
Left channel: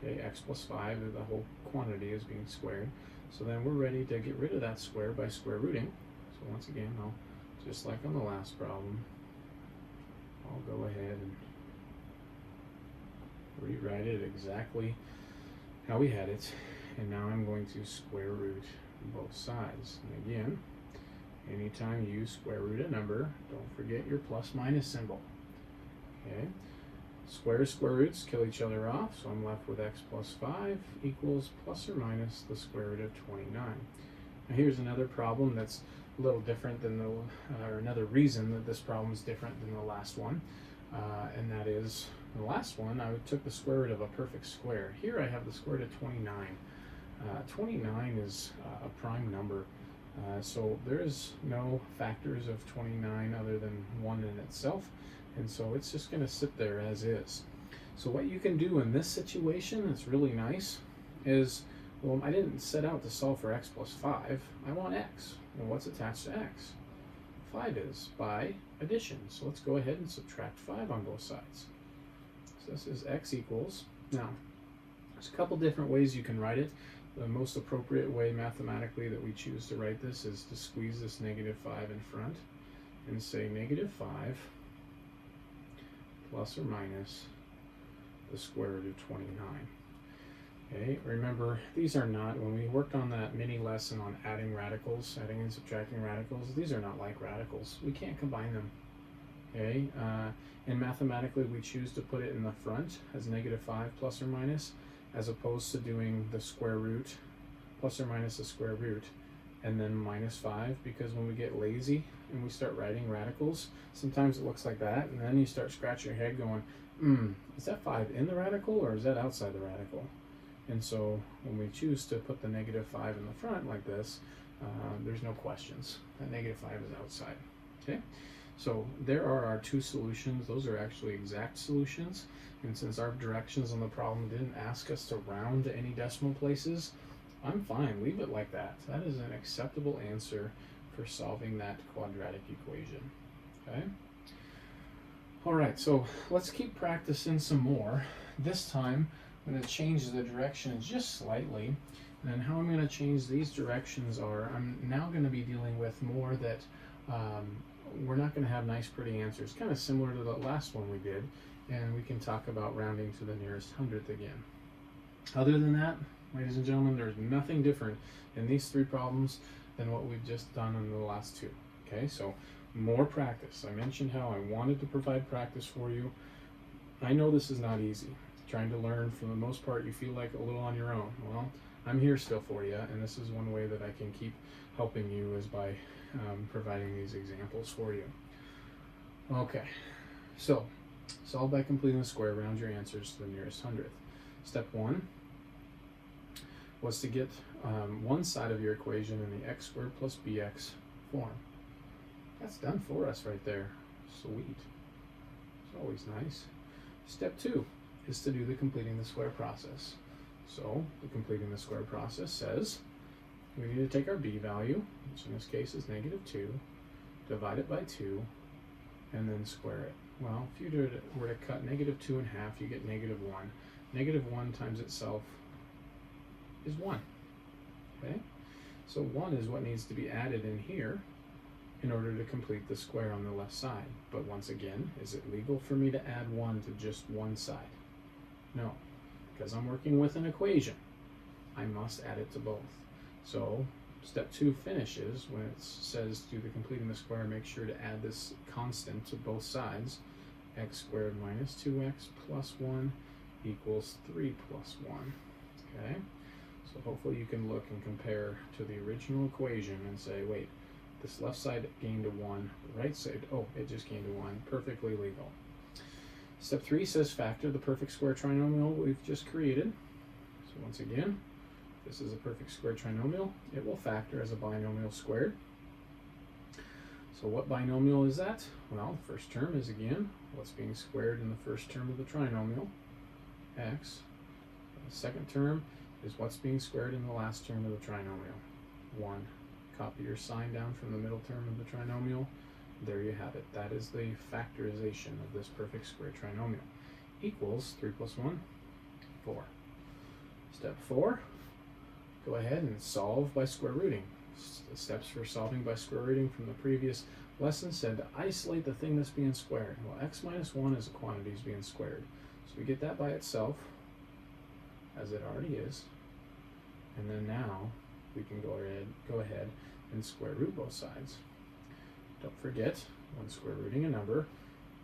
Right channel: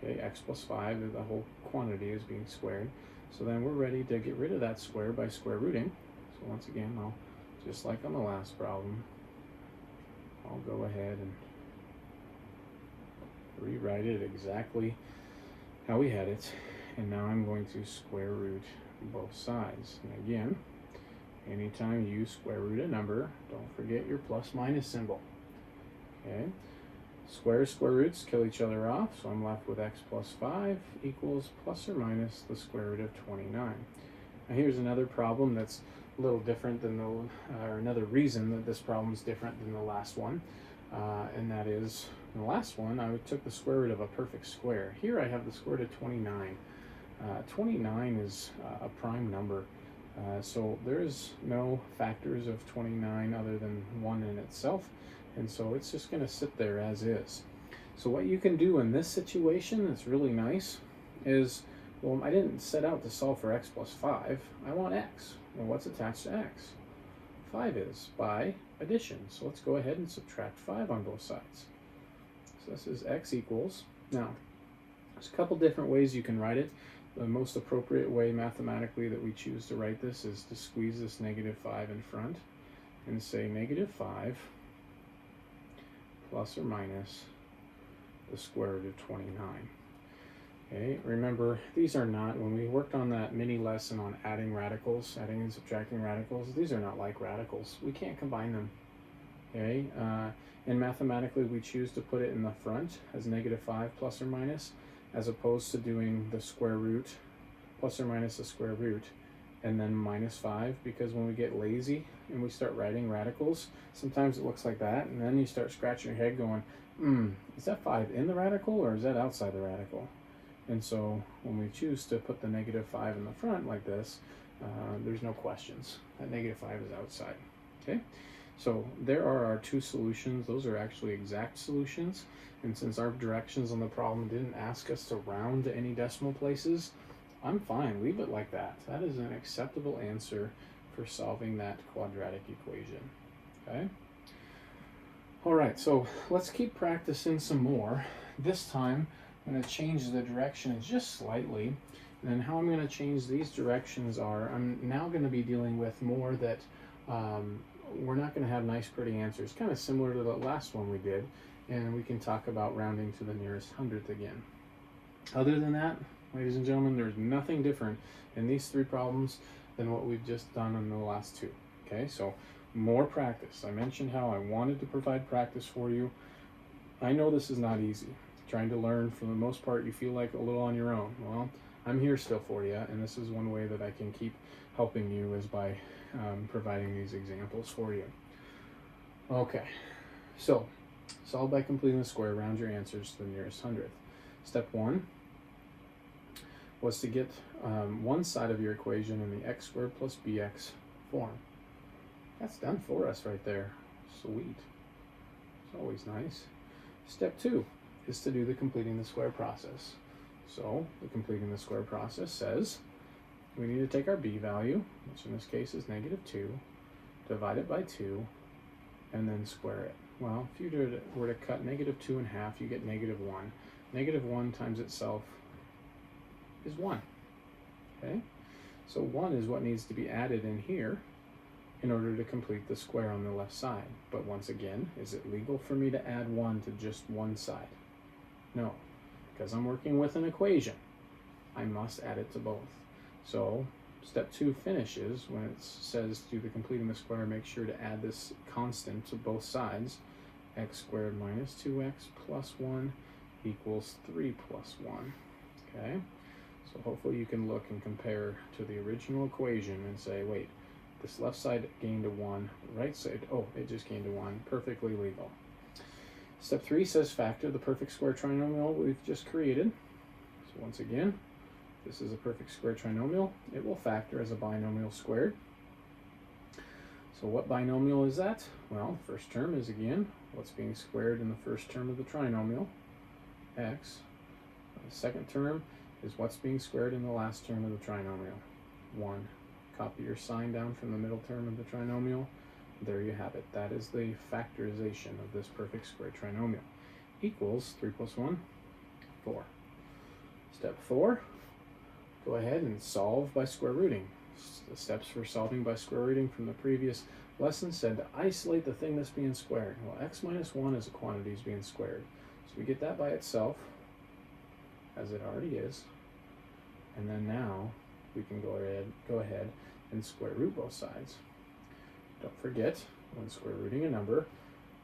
Okay, x plus 5, the whole quantity is being squared. So then we're ready to get rid of that square by square rooting. So once again, I'll, just like on the last problem, I'll go ahead and rewrite it exactly how we had it. And now I'm going to square root both sides. And again, anytime you square root a number, don't forget your plus minus symbol. Okay, squares, square roots kill each other off, so I'm left with x plus 5 equals plus or minus the square root of 29. Now here's another problem that's a little different than or another reason that this problem is different than the last one, and that is, in the last one, I took the square root of a perfect square. Here I have the square root of 29. 29 is a prime number, so there's no factors of 29 other than 1 in itself, and so it's just going to sit there as is. So what you can do in this situation that's really nice is, well, I didn't set out to solve for x plus 5. I want x. Well, what's attached to x? 5 is, by addition. So let's go ahead and subtract 5 on both sides. So this is x equals, now, there's a couple different ways you can write it. The most appropriate way mathematically that we choose to write this is to squeeze this -5 in front and say -5 plus or minus the square root of 29. Okay, remember, these are not, when we worked on that mini lesson on adding radicals, adding and subtracting radicals, these are not like radicals. We can't combine them. Okay, and mathematically we choose to put it in the front as -5 plus or minus, as opposed to doing the square root plus or minus the square root and then -5, because when we get lazy and we start writing radicals, sometimes it looks like that, and then you start scratching your head going, is that 5 in the radical or is that outside the radical? And so when we choose to put the -5 in the front like this, there's no questions. That -5 is outside. Okay, so there are our two solutions. Those are actually exact solutions. And since our directions on the problem didn't ask us to round to any decimal places, I'm fine. Leave it like that. That is an acceptable answer for solving that quadratic equation. Okay? All right, so let's keep practicing some more. This time, I'm going to change the direction just slightly. And how I'm going to change these directions are, I'm now going to be dealing with more that we're not going to have nice, pretty answers, kind of similar to the last one we did. And we can talk about rounding to the nearest hundredth again. Other than that, ladies and gentlemen, there's nothing different in these three problems than what we've just done in the last two. Okay, so more practice. I mentioned how I wanted to provide practice for you. I know this is not easy. Trying to learn, for the most part, you feel like a little on your own. Well, I'm here still for you, and this is one way that I can keep helping you is by providing these examples for you. Okay, so solve by completing the square, round your answers to the nearest hundredth. Step 1 was to get one side of your equation in the x squared plus bx form. That's done for us right there. Sweet. It's always nice. Step 2 is to do the completing the square process. So the completing the square process says we need to take our b value, which in this case is -2, divide it by 2, and then square it. Well, if you were to cut -2 in half, you get -1. -1 times itself is 1. Okay? So 1 is what needs to be added in here in order to complete the square on the left side. But once again, is it legal for me to add 1 to just one side? No, because I'm working with an equation. I must add it to both. So step 2 finishes when it says do the completing the square, make sure to add this constant to both sides. X squared minus 2x plus 1 equals 3 plus 1. Okay, so hopefully you can look and compare to the original equation and say, wait, this left side gained a 1, the right side, oh, it just gained a 1, perfectly legal. Step 3 says factor the perfect square trinomial we've just created. So once again, this is a perfect square trinomial. It will factor as a binomial squared. So what binomial is that? Well, the first term is, again, what's being squared in the first term of the trinomial, x. The second term is what's being squared in the last term of the trinomial, 1. Copy your sign down from the middle term of the trinomial. There you have it. That is the factorization of this perfect square trinomial. Equals 3 plus 1, 4. Step 4, go ahead and solve by square rooting. The steps for solving by square rooting from the previous Lesson said to isolate the thing that's being squared. Well, x minus 1 is a quantity is being squared. So we get that by itself, as it already is. And then now we can go ahead and square root both sides. Don't forget, when square rooting a number,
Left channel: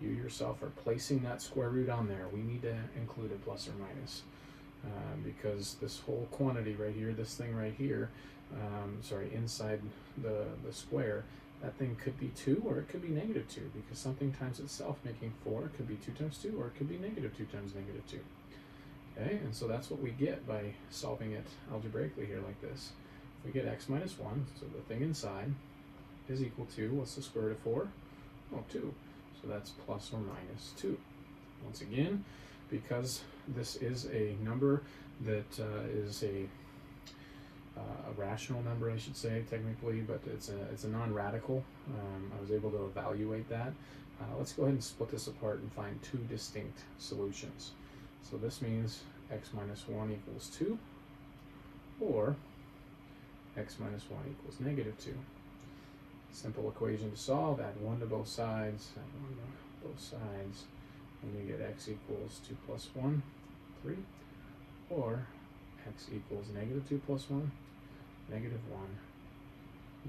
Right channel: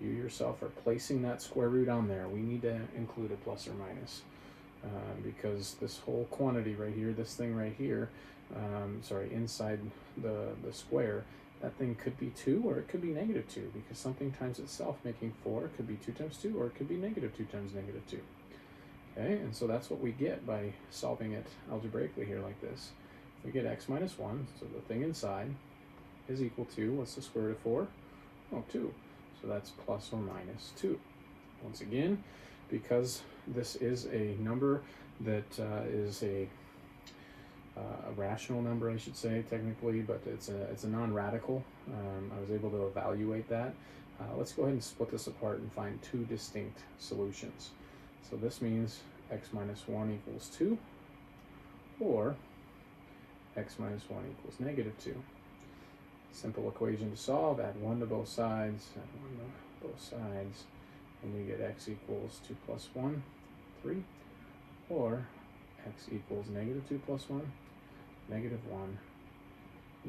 you yourself are placing that square root on there. We need to include a plus or minus because this whole quantity right here, this thing right here, inside the square, that thing could be 2 or it could be negative 2 because something times itself making 4 could be 2 times 2 or it could be negative 2 times negative 2. Okay, and so that's what we get by solving it algebraically here like this. We get x minus 1, so the thing inside is equal to, what's the square root of 4? Oh, 2. So that's plus or minus 2. Once again, because this is a number that is a rational number, I should say, technically, but it's a non-radical. I was able to evaluate that. Let's go ahead and split this apart and find 2 distinct solutions. So this means x minus 1 equals 2, or x minus 1 equals negative 2. Simple equation to solve, add 1 to both sides, and you get x equals 2 plus 1, 3, or x equals negative 2 plus 1, negative 1.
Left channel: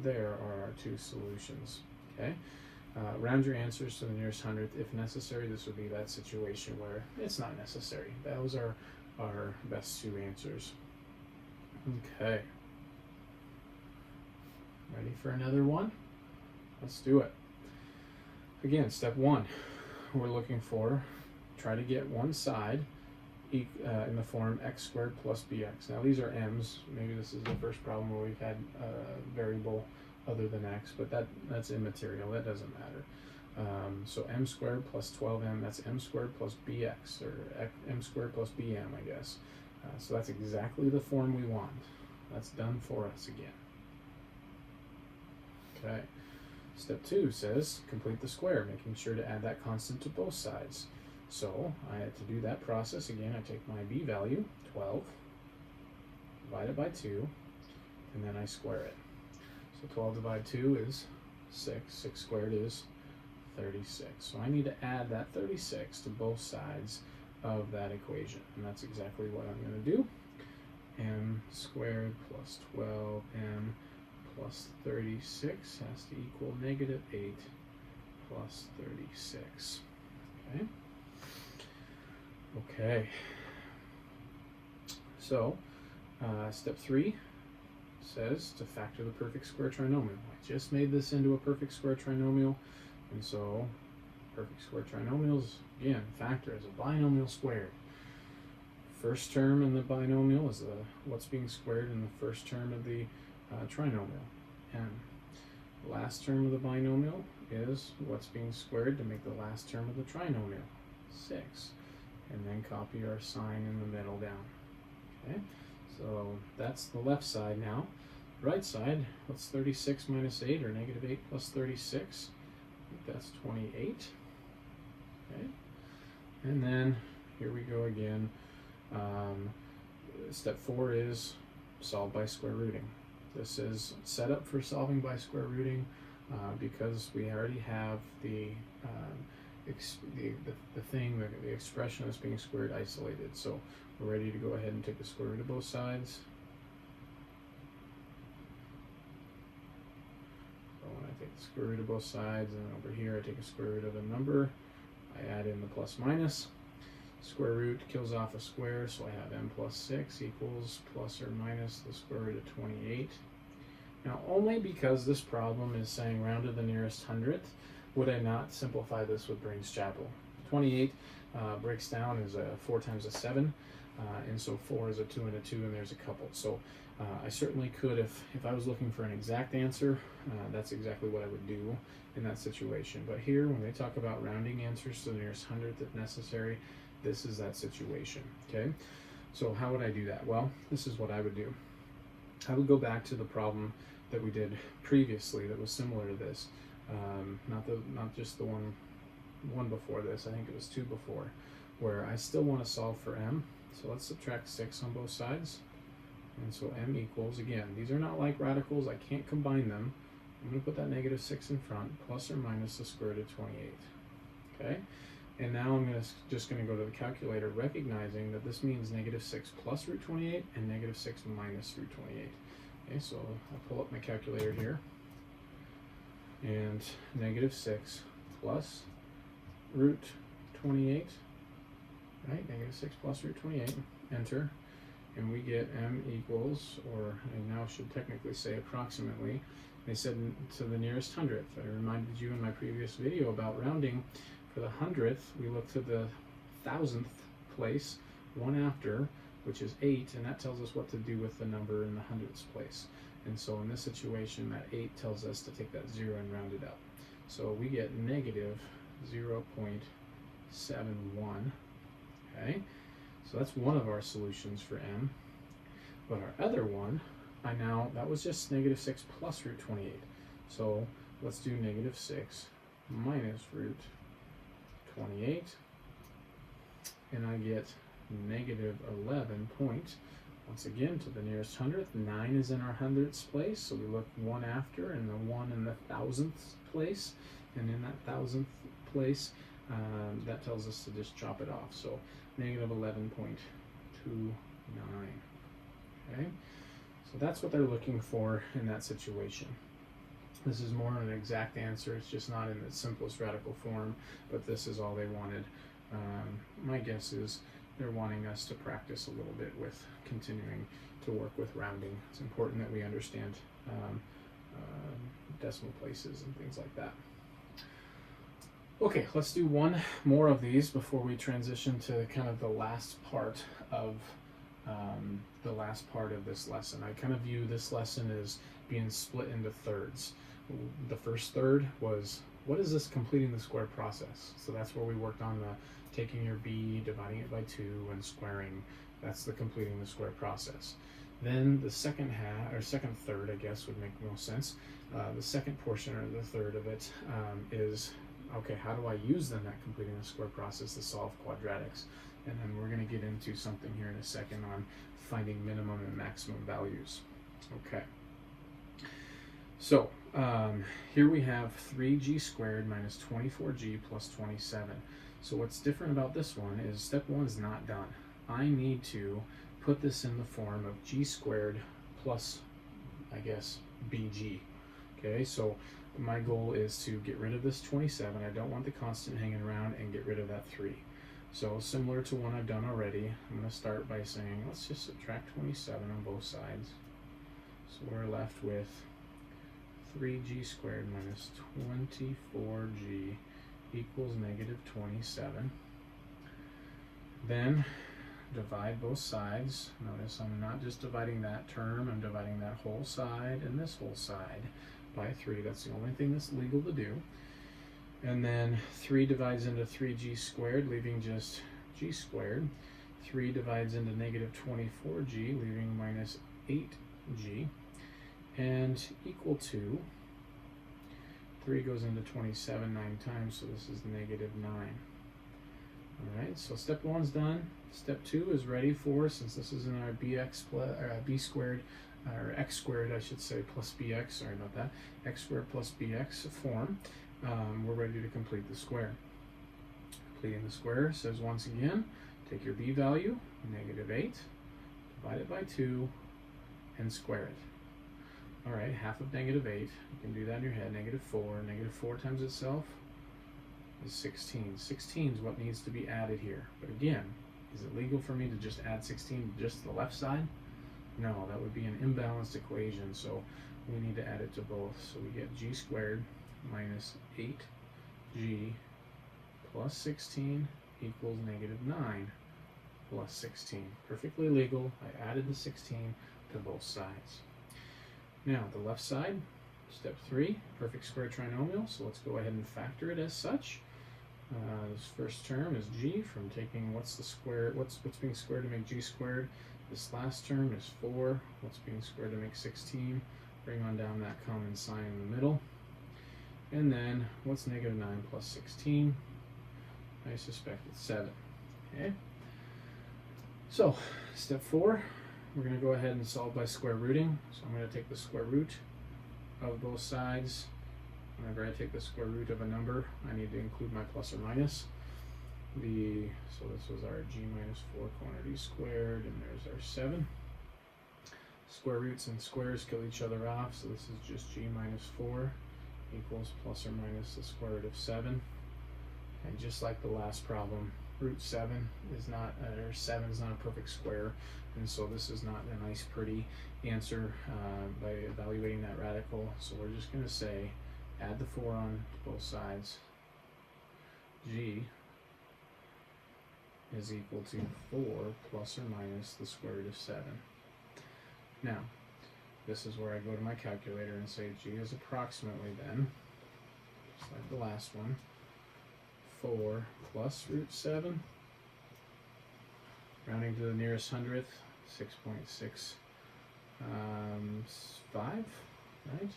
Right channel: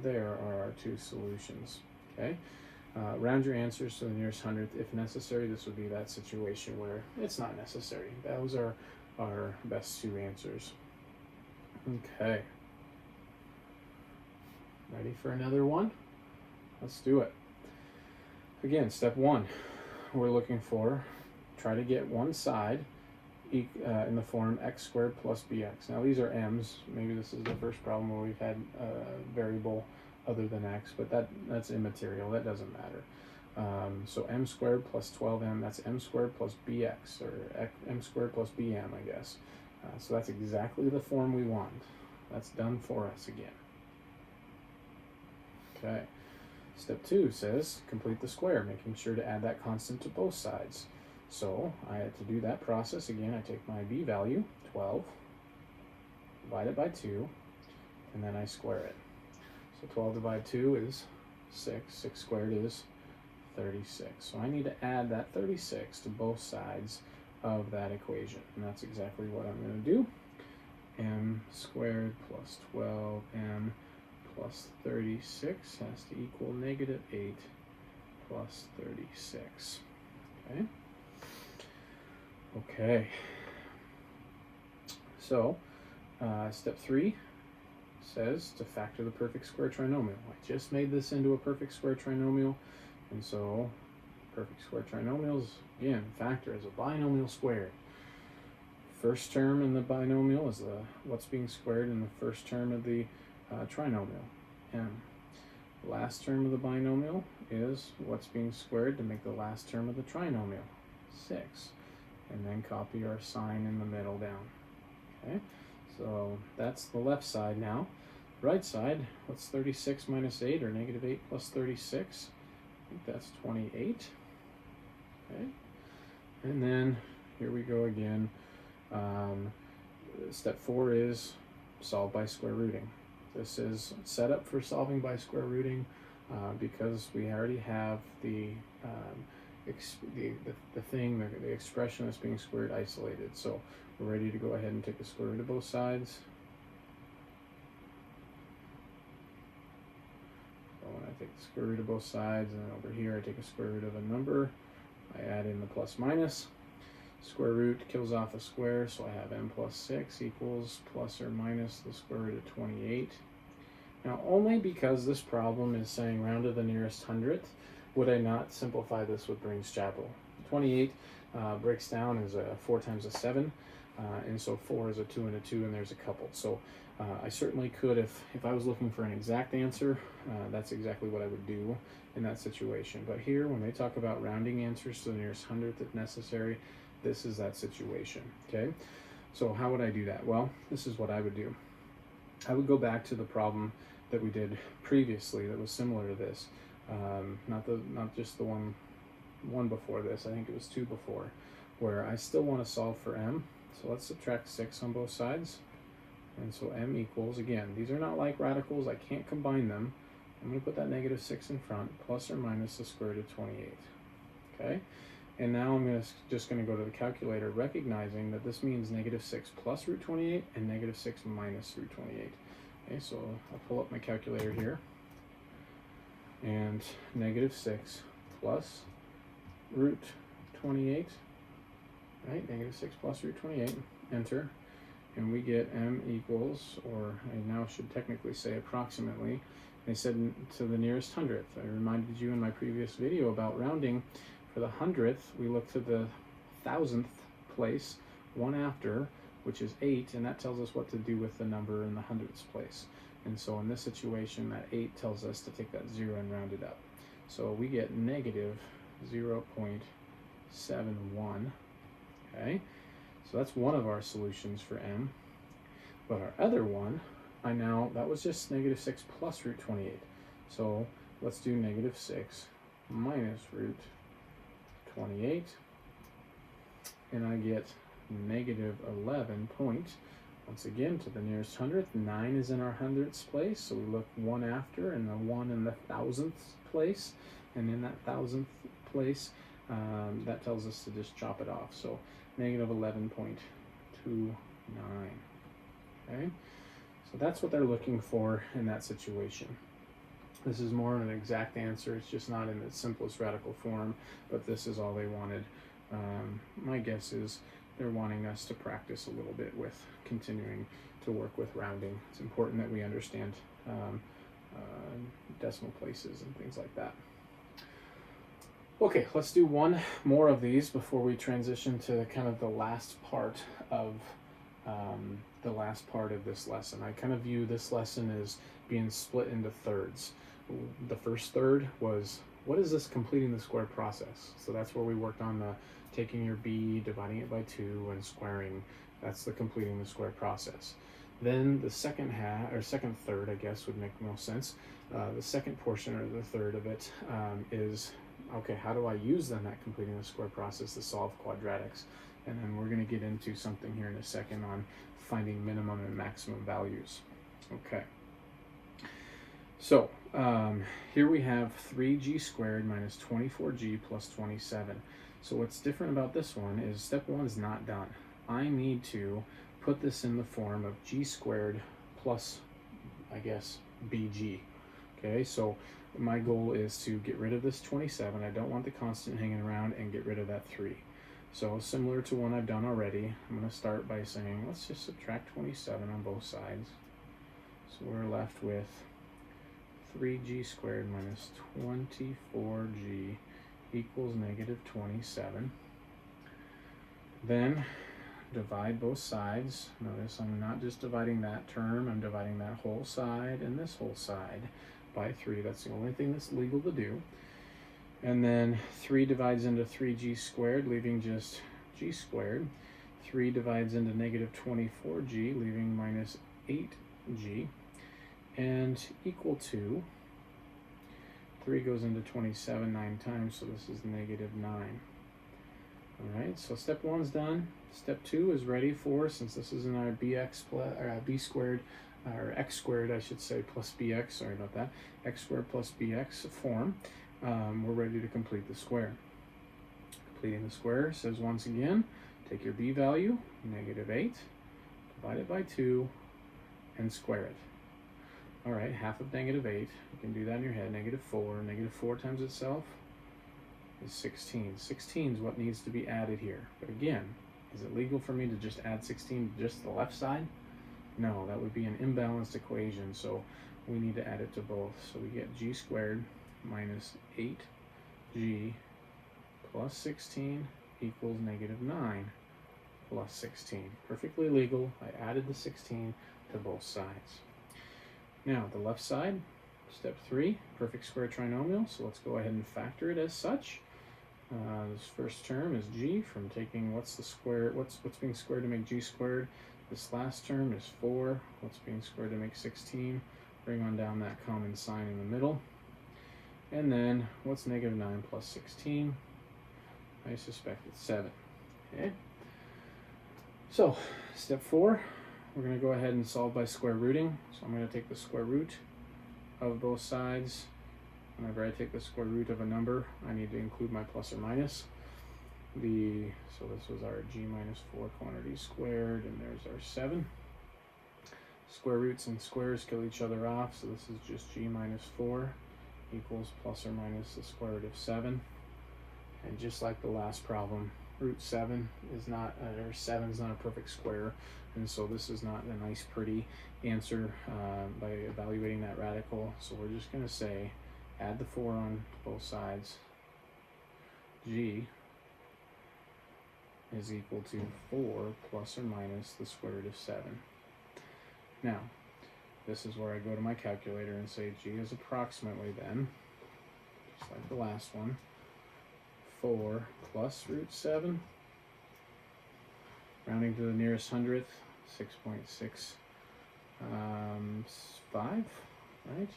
There are our 2 solutions, okay? Round your answers to the nearest hundredth. If necessary, this would be that situation where it's not necessary. Those are our best 2 answers. Okay. Ready for another one? Let's do it. Again, step 1. We're looking for, try to get one side in the form x squared plus bx. Now these are m's. Maybe this is the first problem where we've had a variable other than x, but that's immaterial. That doesn't matter. So m squared plus 12m, that's m squared plus bx, or m squared plus bm, I guess. So that's exactly the form we want. That's done for us again. Okay. Step 2 says complete the square, making sure to add that constant to both sides. So to do that process, again, I take my b value, 12, divide it by 2, and then I square it. So 12 divided by 2 is 6. 6 squared is 36. So I need to add that 36 to both sides of that equation. And that's exactly what I'm going to do. M squared plus 12m plus 36 has to equal negative 8 plus 36. Okay. Okay. So, step 3 says to factor the perfect square trinomial. I just made this into a perfect square trinomial, and so perfect square trinomials, again, factor is a binomial squared. First term in the binomial is what's being squared in the first term of the trinomial, m. Last term of the binomial is what's being squared to make the last term of the trinomial, 6. And then copy our sign in the middle down. Okay, so that's the left side now. Right side, what's 36 minus 8, or negative 8 plus 36? I think that's 28. Okay, and then here we go again. Step 4 is solve by square rooting. This is set up for solving by square rooting because we already have the expression that's being squared isolated. So we're ready to go ahead and take the square root of both sides. So when I take the square root of both sides, and over here I take a square root of a number, I add in the plus minus. Square root kills off a square, so I have m plus 6 equals plus or minus the square root of 28. Now, only because this problem is saying round to the nearest hundredth, would I not simplify this with Briggs Chapel. 28 breaks down as 4 times a 7, and so 4 is a 2 and a 2, and there's a couple. So I certainly could, if I was looking for an exact answer, that's exactly what I would do in that situation. But here, when they talk about rounding answers to the nearest hundredth if necessary, this is that situation, okay? So how would I do that? Well, this is what I would do. I would go back to the problem that we did previously that was similar to this. Not just the one before this, I think it was 2 before, where I still want to solve for m. So let's subtract 6 on both sides. And so m equals, again, these are not like radicals, I can't combine them. I'm going to put that negative 6 in front, plus or minus the square root of 28. Okay? And now I'm just going to go to the calculator, recognizing that this means negative 6 plus root 28 and negative 6 minus root 28. Okay, so I'll pull up my calculator here. And negative 6 plus root 28, right? Negative 6 plus root 28, enter. And we get m equals, or I now should technically say approximately, I said to the nearest hundredth. I reminded you in my previous video about rounding. For the hundredth, we look to the thousandth place, one after, which is 8, and that tells us what to do with the number in the hundredths place. And so in this situation, that 8 tells us to take that 0 and round it up. So we get negative 0.71, okay? So that's one of our solutions for m. But our other one, that was just negative 6 plus root 28. So let's do negative 6 minus root 28. And I get negative 11 point, once again, to the nearest hundredth. 9 is in our hundredths place, so we look one after, and the 1 in the thousandth place. And in that thousandth place, that tells us to just chop it off. So negative 11.29. Okay? So that's what they're looking for in that situation. This is more an exact answer. It's just not in the simplest radical form, but this is all they wanted. My guess is they're wanting us to practice a little bit with continuing to work with rounding. It's important that we understand decimal places and things like that. Okay, let's do one more of these before we transition to kind of the last part of this lesson. I kind of view this lesson as being split into thirds. The first third was, what is this completing the square process? So that's where we worked on the taking your b, dividing it by 2, and squaring. That's the completing the square process. Then the second third, I guess, would make most sense. The second portion, or the third of it, is, okay, how do I use then that completing the square process to solve quadratics? And then we're going to get into something here in a second on finding minimum and maximum values. Okay. So here we have 3g squared minus 24g plus 27. So what's different about this one is step 1 is not done. I need to put this in the form of g squared plus, I guess, bg. Okay, so my goal is to get rid of this 27. I don't want the constant hanging around, and get rid of that 3. So similar to one I've done already, I'm going to start by saying, let's just subtract 27 on both sides. So we're left with 3g squared minus 24g equals negative 27. Then divide both sides. Notice I'm not just dividing that term, I'm dividing that whole side and this whole side by 3. That's the only thing that's legal to do. And then 3 divides into 3g squared, leaving just g squared. 3 divides into negative 24g, leaving minus 8g. And equal to, 3 goes into 27 9 times, so this is negative 9. Alright, so step 1's done. Step 2 is ready for, since this is in our b squared, or x squared, I should say, plus bx, sorry about that, x squared plus bx form. We're ready to complete the square. Completing the square says, once again, take your b value, negative 8, divide it by 2, and square it. Alright, half of negative 8, you can do that in your head, negative 4. Negative 4 times itself is 16. 16 is what needs to be added here. But again, is it legal for me to just add 16 to just the left side? No, that would be an imbalanced equation, so we need to add it to both. So we get g squared minus 8g plus 16 equals negative 9 plus 16. Perfectly legal. I added the 16 to both sides. Now, the left side, step 3, perfect square trinomial, so let's go ahead and factor it as such. This first term is g, from taking what's being squared to make g squared. This last term is 4, what's being squared to make 16. Bring on down that common sign in the middle. And then, what's negative 9 plus 16? I suspect it's 7. Okay? So, step 4, we're going to go ahead and solve by square rooting. So I'm going to take the square root of both sides. Whenever I take the square root of a number, I need to include my plus or minus. So this was our g minus 4 quantity squared, and there's our 7. Square roots and squares kill each other off, so this is just g minus 4 equals plus or minus the square root of 7. And just like the last problem, root 7 is not, or 7 is not a perfect square, and so this is not a nice pretty answer by evaluating that radical. So we're just going to say add the 4 on both sides. G is equal to 4 plus or minus the square root of 7. Now, this is where I go to my calculator and say G is approximately then, just like the last one, 4 plus root 7, rounding to the nearest hundredth, 6.65, right?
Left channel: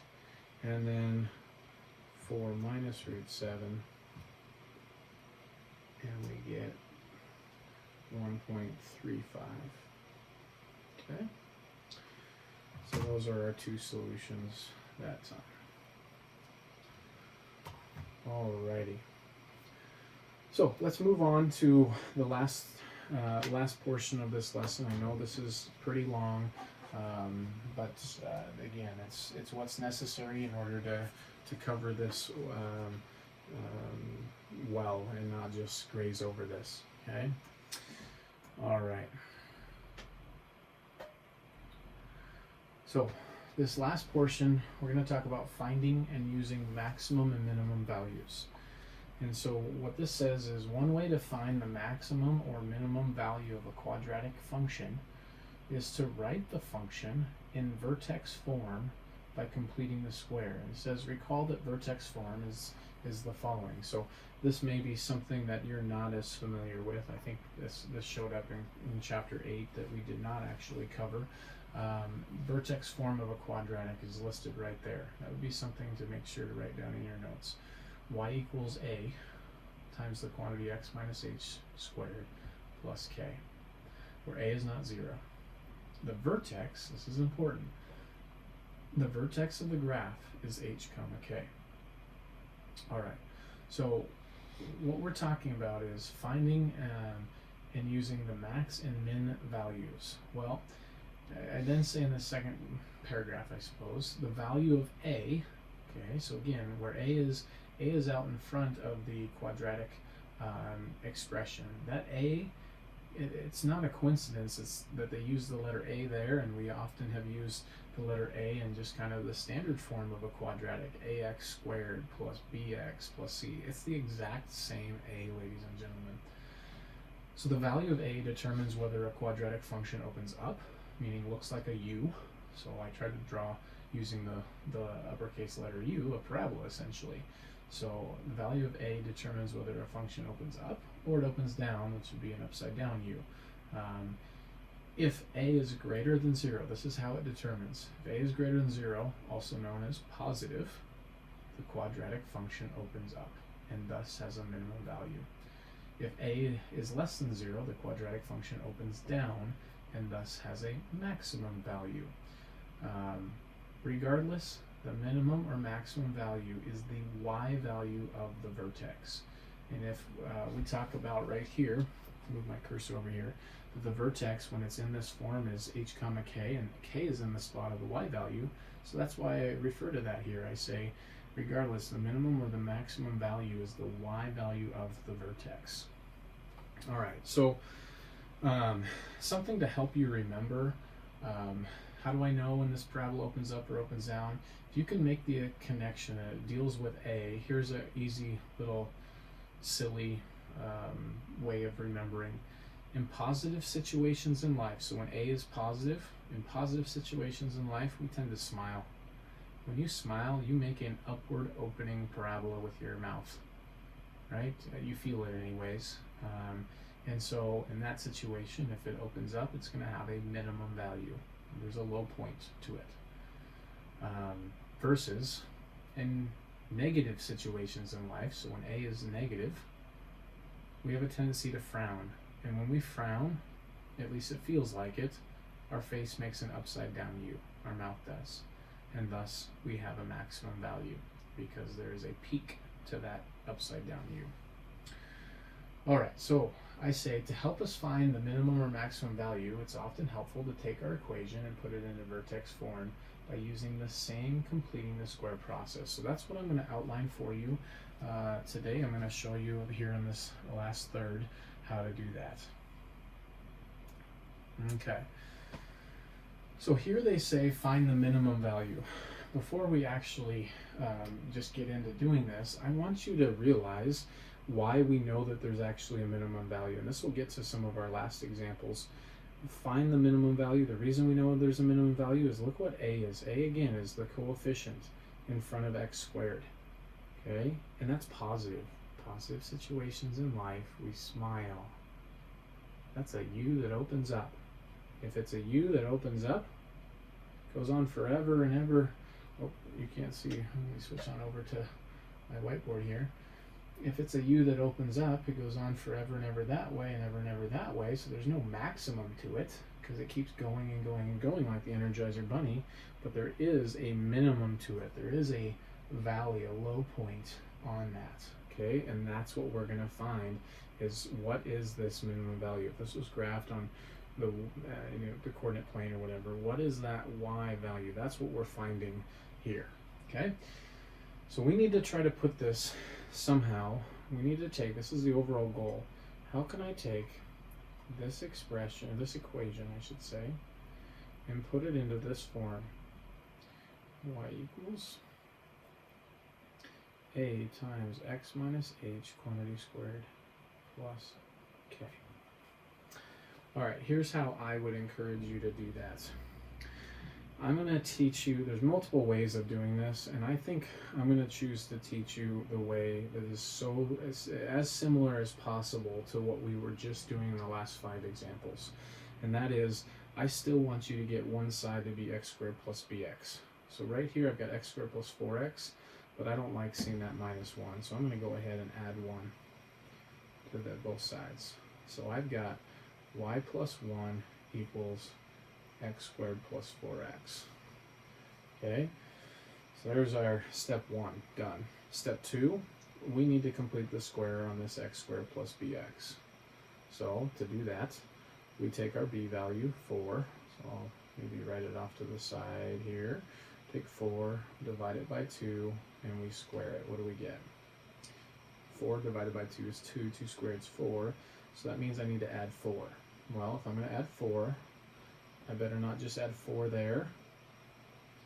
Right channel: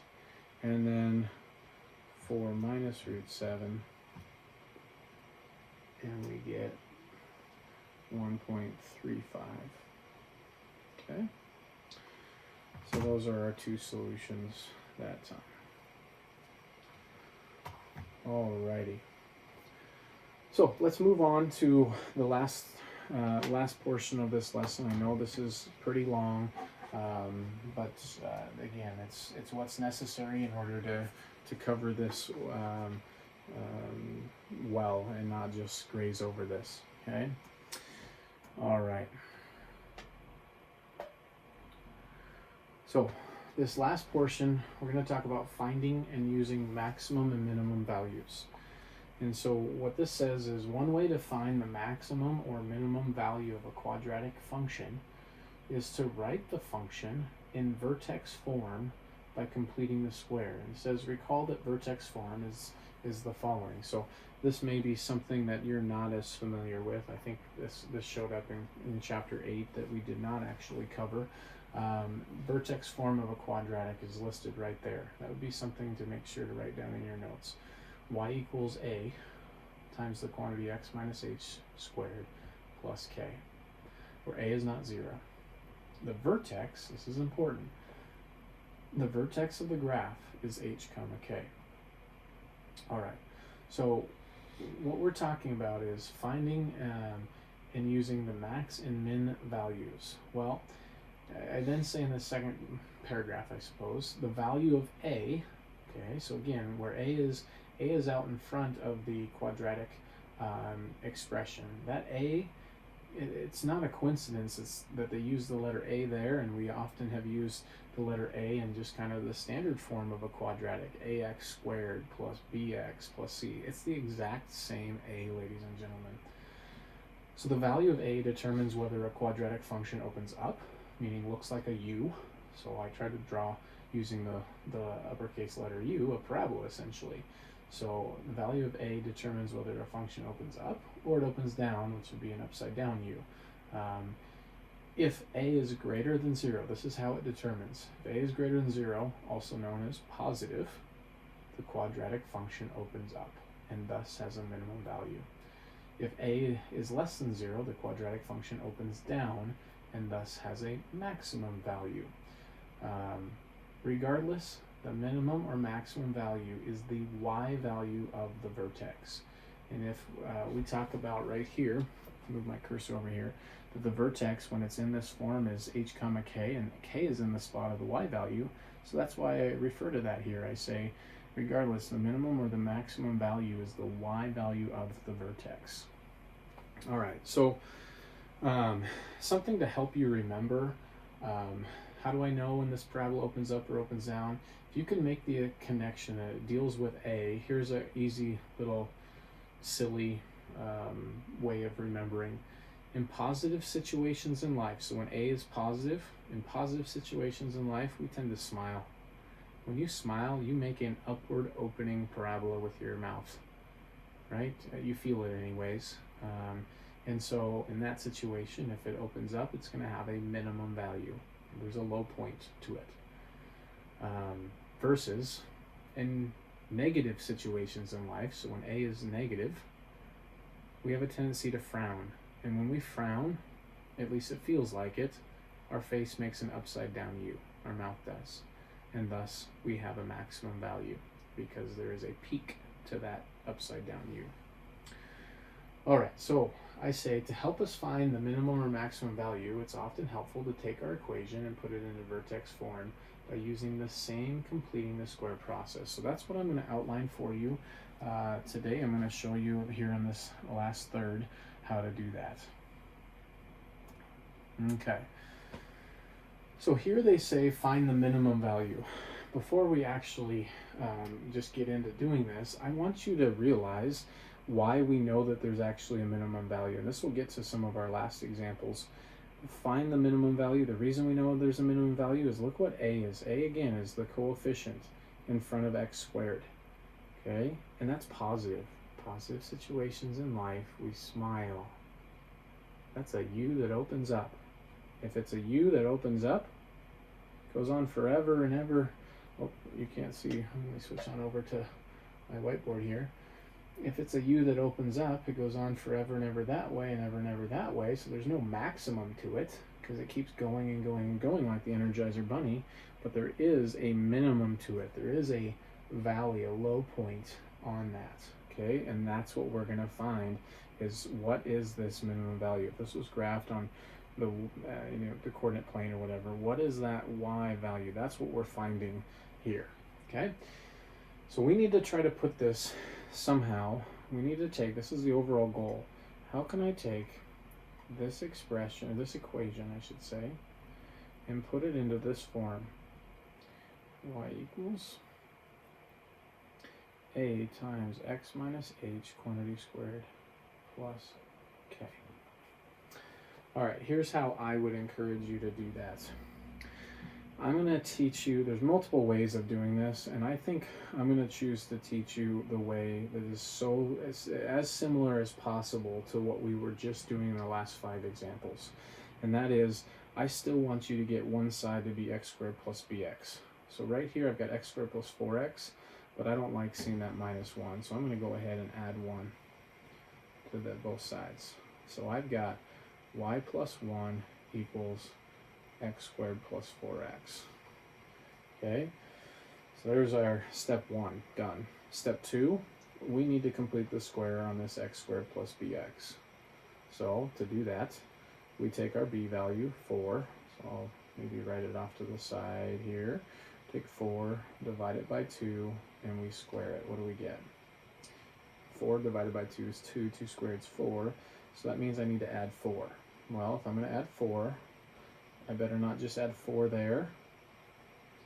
And then 4 minus root 7, and we get 1.35. Okay? So those are our two solutions that time. Alrighty. So let's move on to the last portion of this lesson. I know this is pretty long, but again, it's what's necessary in order to cover this well and not just graze over this. Okay. All right. So this last portion, we're going to talk about finding and using maximum and minimum values. And so what this says is one way to find the maximum or minimum value of a quadratic function is to write the function in vertex form by completing the square. And it says recall that vertex form is the following. So this may be something that you're not as familiar with. I think this showed up in chapter 8 that we did not actually cover. Vertex form of a quadratic is listed right there. That would be something to make sure to write down in your notes. Y equals a times the quantity x minus h squared plus k, where a is not 0. The vertex, this is important, the vertex of the graph is h comma k. Alright, so what we're talking about is finding and using the max and min values. Well, I then say in the second paragraph, I suppose, the value of a, okay, so again, where a is out in front of the quadratic expression. That a, it's not a coincidence it's that they use the letter a there, and we often have used the letter a in just kind of the standard form of a quadratic, ax squared plus bx plus c. It's the exact same a, ladies and gentlemen. So the value of a determines whether a quadratic function opens up, meaning looks like a U. So I tried to draw using the uppercase letter U, a parabola essentially. So the value of a determines whether a function opens up or it opens down, which would be an upside down U. If a is greater than 0, this is how it determines. If a is greater than 0, also known as positive, the quadratic function opens up and thus has a minimum value. If a is less than 0, the quadratic function opens down and thus has a maximum value. Regardless, the minimum or maximum value is the y value of the vertex. And if we talk about right here, move my cursor over here, that the vertex, when it's in this form, is h comma k, and k is in the spot of the y value, so that's why I refer to that here. I say, regardless, the minimum or the maximum value is the y value of the vertex. All right, so something to help you remember, how do I know when this parabola opens up or opens down? If you can make the connection that it deals with a, here's an easy little silly way of remembering. In positive situations in life, so when a is positive, in positive situations in life, we tend to smile. When you smile, you make an upward opening parabola with your mouth, right? You feel it anyways. And so in that situation, if it opens up, it's going to have a minimum value. There's a low point to it. Versus in negative situations in life, so when a is negative, we have a tendency to frown. And when we frown, at least it feels like it, our face makes an upside down U, our mouth does. and thus we have a maximum value because there is a peak to that upside down u. All right, so I say to help us find the minimum or maximum value, it's often helpful to take our equation and put it in a vertex form by using the same completing the square process. So that's what I'm going to outline for you today. I'm going to show you here in this last third how to do that. Okay. So here they say find the minimum value. Before we actually just get into doing this, I want you to realize why we know that there's actually a minimum value. And this will get to some of our last examples. Find the minimum value. The reason we know there's a minimum value is look what a is. A, again, is the coefficient in front of x squared. Okay? And that's positive. Positive situations in life, we smile. That's a u that opens up. If it's a u that opens up, goes on forever and ever. Oh, you can't see. I'm going to switch on over to my whiteboard here. If it's a u that opens up, it goes on forever and ever that way and ever and ever that way. So there's no maximum to it because it keeps going and going and going like the Energizer Bunny. But there is a minimum to it. There is a valley, a low point on that. Okay, and that's what we're going to find is what is this minimum value. If this was graphed on the the coordinate plane or whatever, what is that y value? That's what we're finding here. Okay, so we need to try to put this somehow. We need to take, this is the overall goal, how can I take this expression, or this equation I should say, and put it into this form? Y equals a times x minus h quantity squared plus k. All right, here's how I would encourage you to do that. I'm going to teach you, there's multiple ways of doing this, and I think I'm going to choose to teach you the way that is as similar as possible to what we were just doing in the last 5 examples. And that is, I still want you to get one side to be x squared plus bx. So right here I've got x squared plus 4x, but I don't like seeing that minus 1, so I'm going to go ahead and add 1 to both sides. So I've got y plus 1 equals x squared plus 4x. Okay, so there's our step 1 done. Step 2, we need to complete the square on this x squared plus bx. So to do that, we take our b value, 4, so I'll maybe write it off to the side here. Take 4, divide it by 2, and we square it. What do we get? 4 divided by 2 is 2, 2 squared is 4, so that means I need to add 4. Well, if I'm going to add 4, I better not just add 4 there.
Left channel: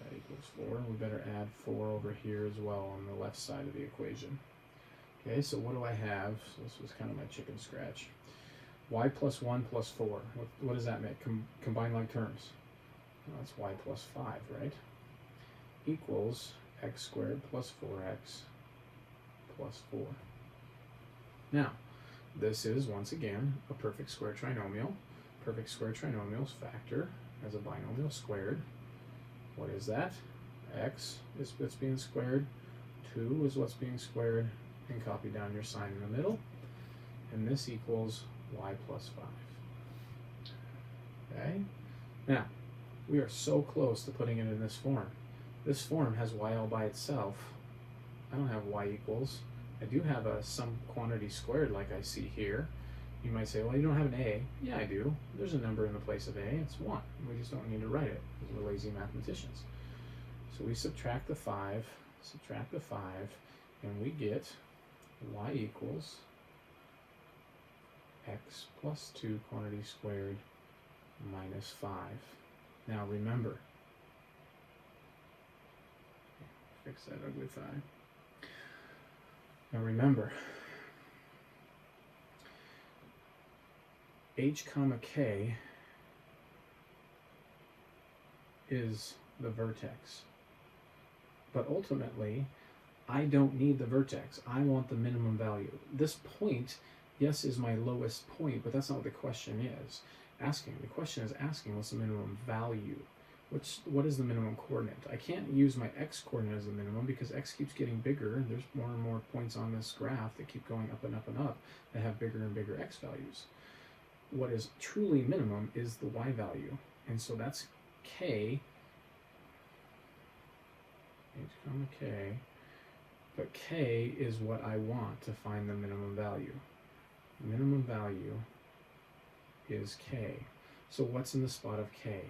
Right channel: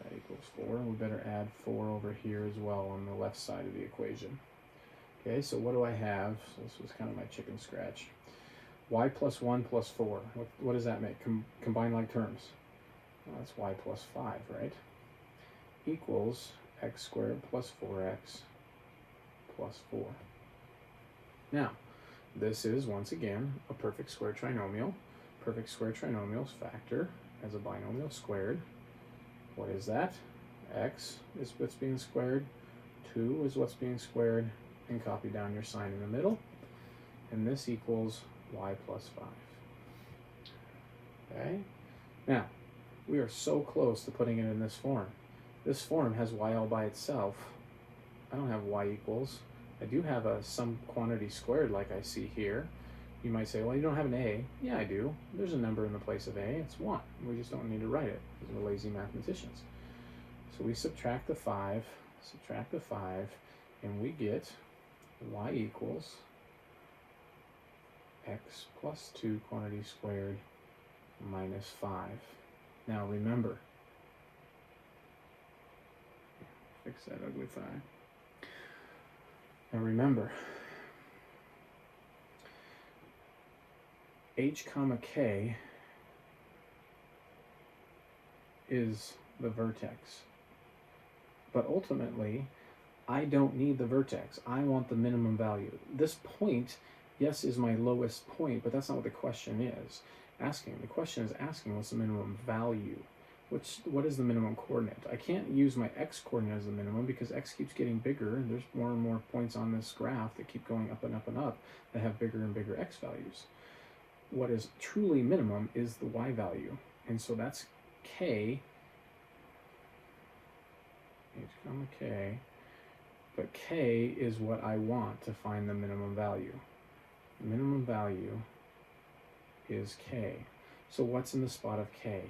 That equals 4. And we better add 4 over here as well on the left side of the equation. Okay, so what do I have? So this was kind of my chicken scratch. Y plus 1 plus 4. What does that make? Combine like terms. Well, that's y plus 5, right? Equals x squared plus 4x plus 4. Now, this is, once again, a perfect square trinomial. Perfect square trinomials factor as a binomial squared. What is that? X is what's being squared, 2 is what's being squared, and copy down your sign in the middle. And this equals y plus 5. Okay? Now, we are so close to putting it in this form. This form has y all by itself. I don't have y equals. I do have some quantity squared like I see here. You might say, well, you don't have an a. Yeah, I do. There's a number in the place of a. It's 1. We just don't need to write it because we're lazy mathematicians. So we subtract the 5, and we get y equals x plus 2 quantity squared minus 5. Now remember, fix that ugly 5. Now remember, h comma k is the vertex. But ultimately, I don't need the vertex. I want the minimum value. This point, yes, is my lowest point, but that's not what the question is asking. The question is asking what's the minimum value. What is the minimum coordinate? I can't use my x coordinate as the minimum because x keeps getting bigger. There's more and more points on this graph that keep going up and up and up that have bigger and bigger x values. What is truly minimum is the y value. And so that's k h comma k, but k is what I want to find the minimum value. The minimum value is k. So what's in the spot of k?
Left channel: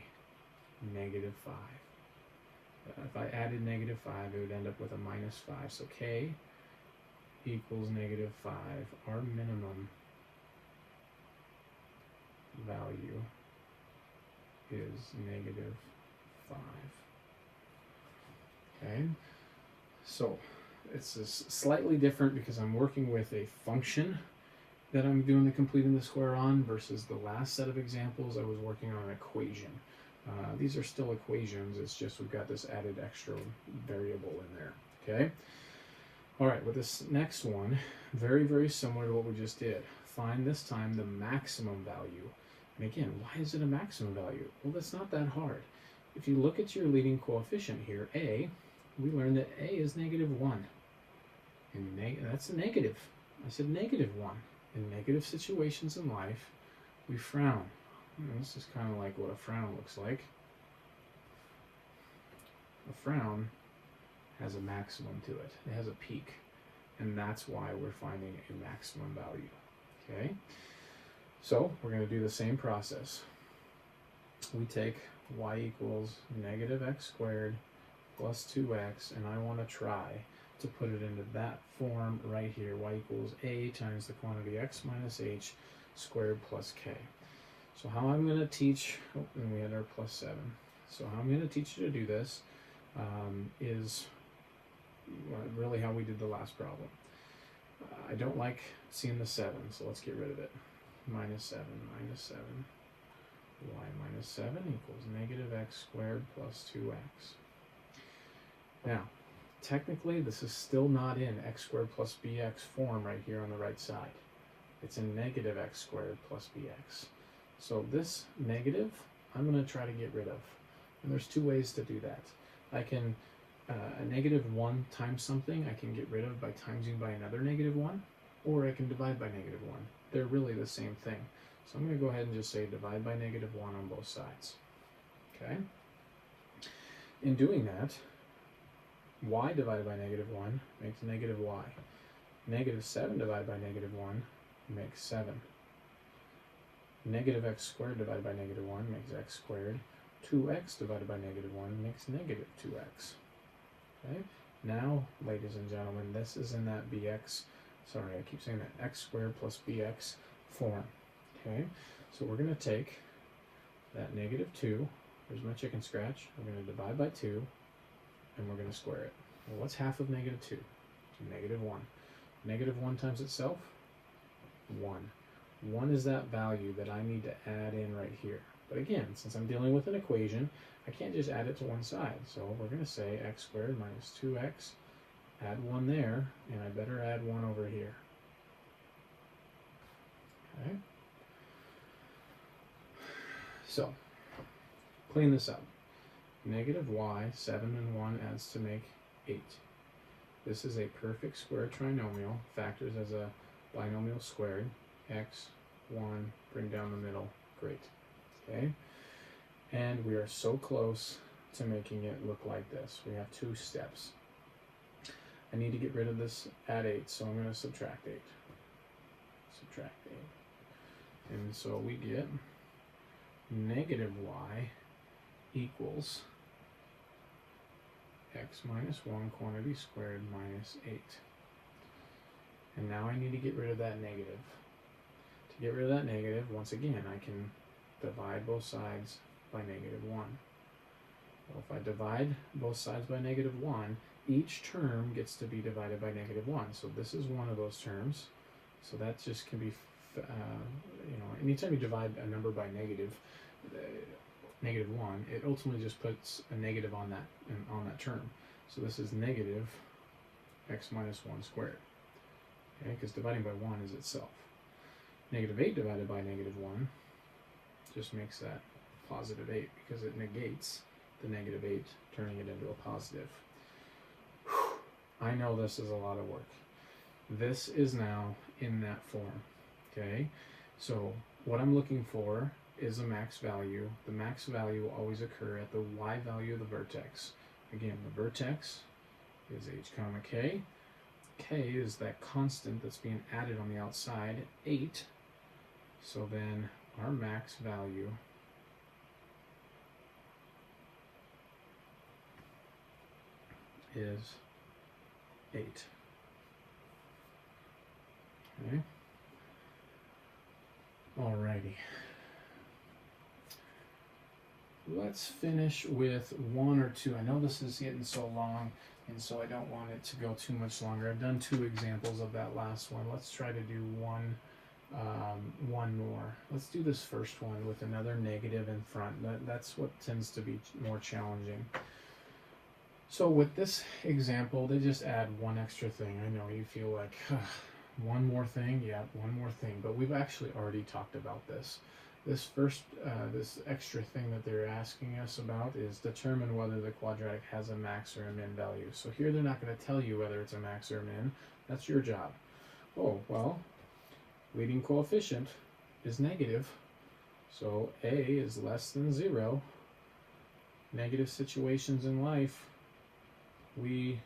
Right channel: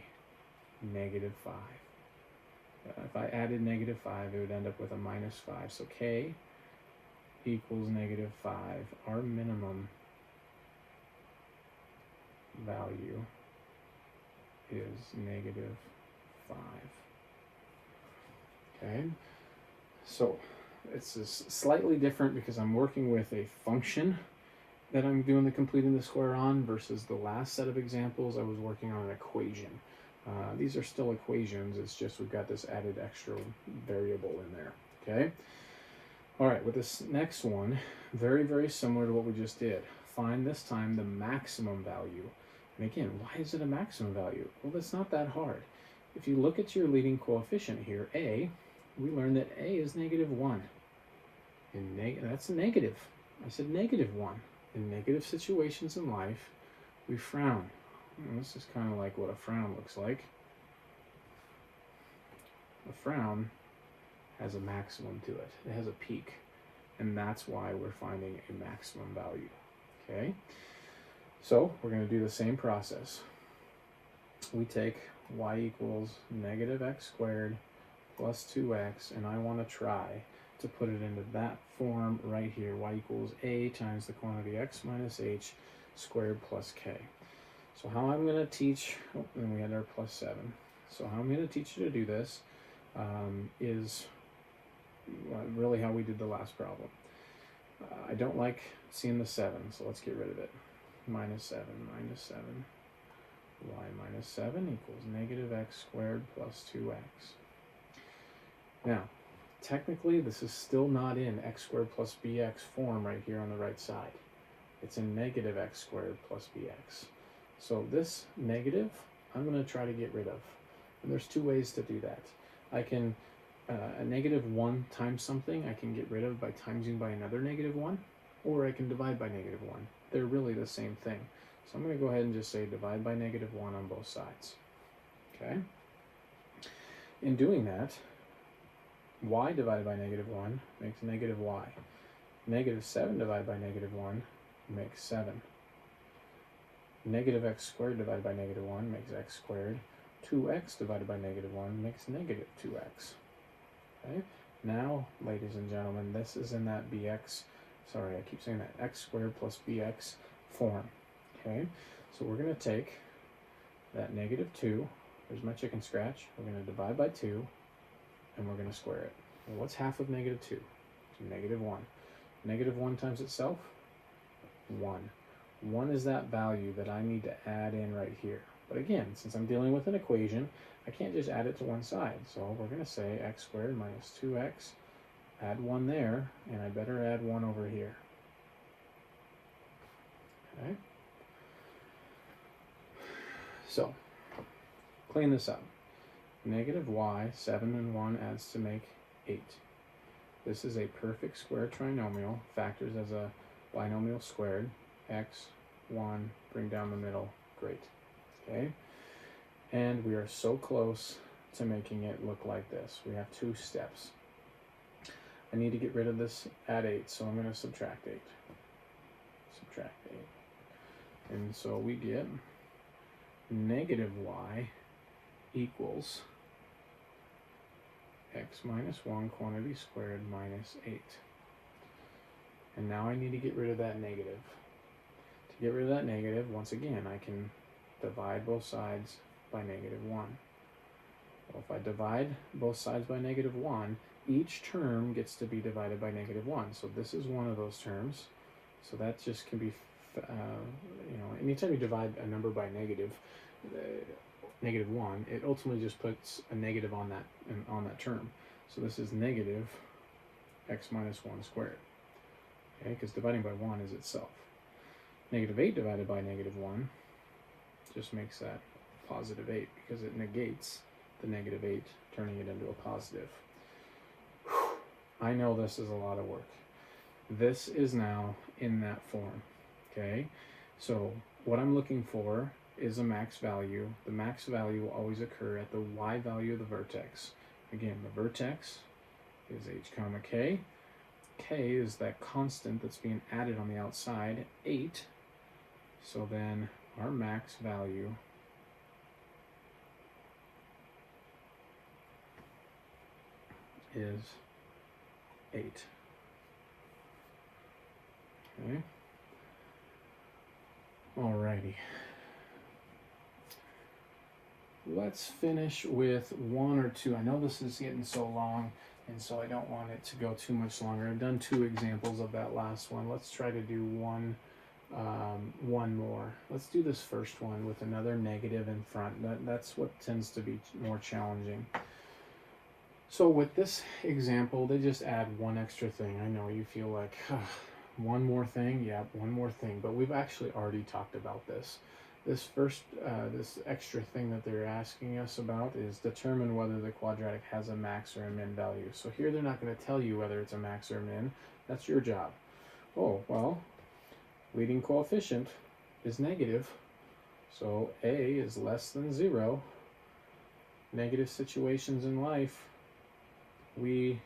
Negative 5. If I added negative 5, it would end up with a minus 5. So k equals negative 5. Our minimum value is negative 5. Okay, so it's slightly different because I'm working with a function that I'm doing the completing the square on versus the last set of examples I was working on an equation. These are still equations, it's just we've got this added extra variable in there, okay? All right, with this next one, very, very similar to what we just did. Find this time the maximum value. And again, why is it a maximum value? Well, that's not that hard. If you look at your leading coefficient here, a, we learned that a is negative 1. And that's negative. I said negative 1. In negative situations in life, we frown. And this is kind of like what a frown looks like. A frown has a maximum to it. It has a peak. And that's why we're finding a maximum value. Okay? So we're going to do the same process. We take y equals negative x squared plus 2x, and I want to try to put it into that form right here. Y equals a times the quantity x minus h squared plus k. So how I'm going to teach, and we had our plus 7. So how I'm going to teach you to do this is really how we did the last problem. I don't like seeing the 7, so let's get rid of it. Minus 7, y minus 7 equals negative x squared plus 2x. Now, technically, this is still not in x squared plus bx form right here on the right side. It's in negative x squared plus bx. So this negative, I'm going to try to get rid of. And there's two ways to do that. I can, a negative 1 times something, I can get rid of by timesing by another negative 1, or I can divide by negative 1. They're really the same thing. So I'm going to go ahead and just say divide by negative 1 on both sides. Okay? In doing that, y divided by negative 1 makes negative y. Negative 7 divided by negative 1 makes 7. Negative x squared divided by negative 1 makes x squared. 2x divided by negative 1 makes negative 2x. Okay? Now, ladies and gentlemen, this is in that bx, sorry, I keep saying that, x squared plus bx form. Okay? So we're going to take that negative 2, there's my chicken scratch, we're going to divide by 2, and we're going to square it. Well, what's half of negative 2? So negative 1. Negative 1 times itself? 1. 1 is that value that I need to add in right here. But again, since I'm dealing with an equation, I can't just add it to one side. So we're going to say x squared minus 2x, add 1 there, and I better add 1 over here. Okay? So, clean this up. Negative y, 7 and 1 adds to make 8. This is a perfect square trinomial, factors as a binomial squared. X, 1, bring down the middle, great. Okay? And we are so close to making it look like this. We have 2 steps. I need to get rid of this at 8, so I'm going to subtract 8. Subtract 8. And so we get negative y equals x minus 1 quantity squared minus 8. And now I need to get rid of that negative. To get rid of that negative, once again, I can divide both sides by negative 1. Well, if I divide both sides by negative 1, each term gets to be divided by negative 1. So this is one of those terms. So that just can be, anytime you divide a number by negative 1, it ultimately just puts a negative on that term. So this is negative x minus 1 squared. Okay, because dividing by 1 is itself. Negative 8 divided by negative 1 just makes that positive 8 because it negates the negative 8, turning it into a positive. I know this is a lot of work. This is now in that form. Okay, so what I'm looking for is a max value. The max value will always occur at the y value of the vertex. Again, the vertex is h comma k. K is that constant that's being added on the outside, 8. So then our max value is 8. Okay. Alrighty. Let's finish with 1 or 2. I know this is getting so long, and so I don't want it to go too much longer. I've done 2 examples of that last one. Let's try to do one more. Let's do this first one with another negative in front. That's what tends to be more challenging. So with this example, they just add one extra thing. I know you feel like, one more thing? Yeah, one more thing. But we've actually already talked about this. This extra thing that they're asking us about is determine whether the quadratic has a max or a min value. So here they're not going to tell you whether it's a max or a min. That's your job. Oh, well, leading coefficient is negative. So A is less than 0. Negative situations in life, we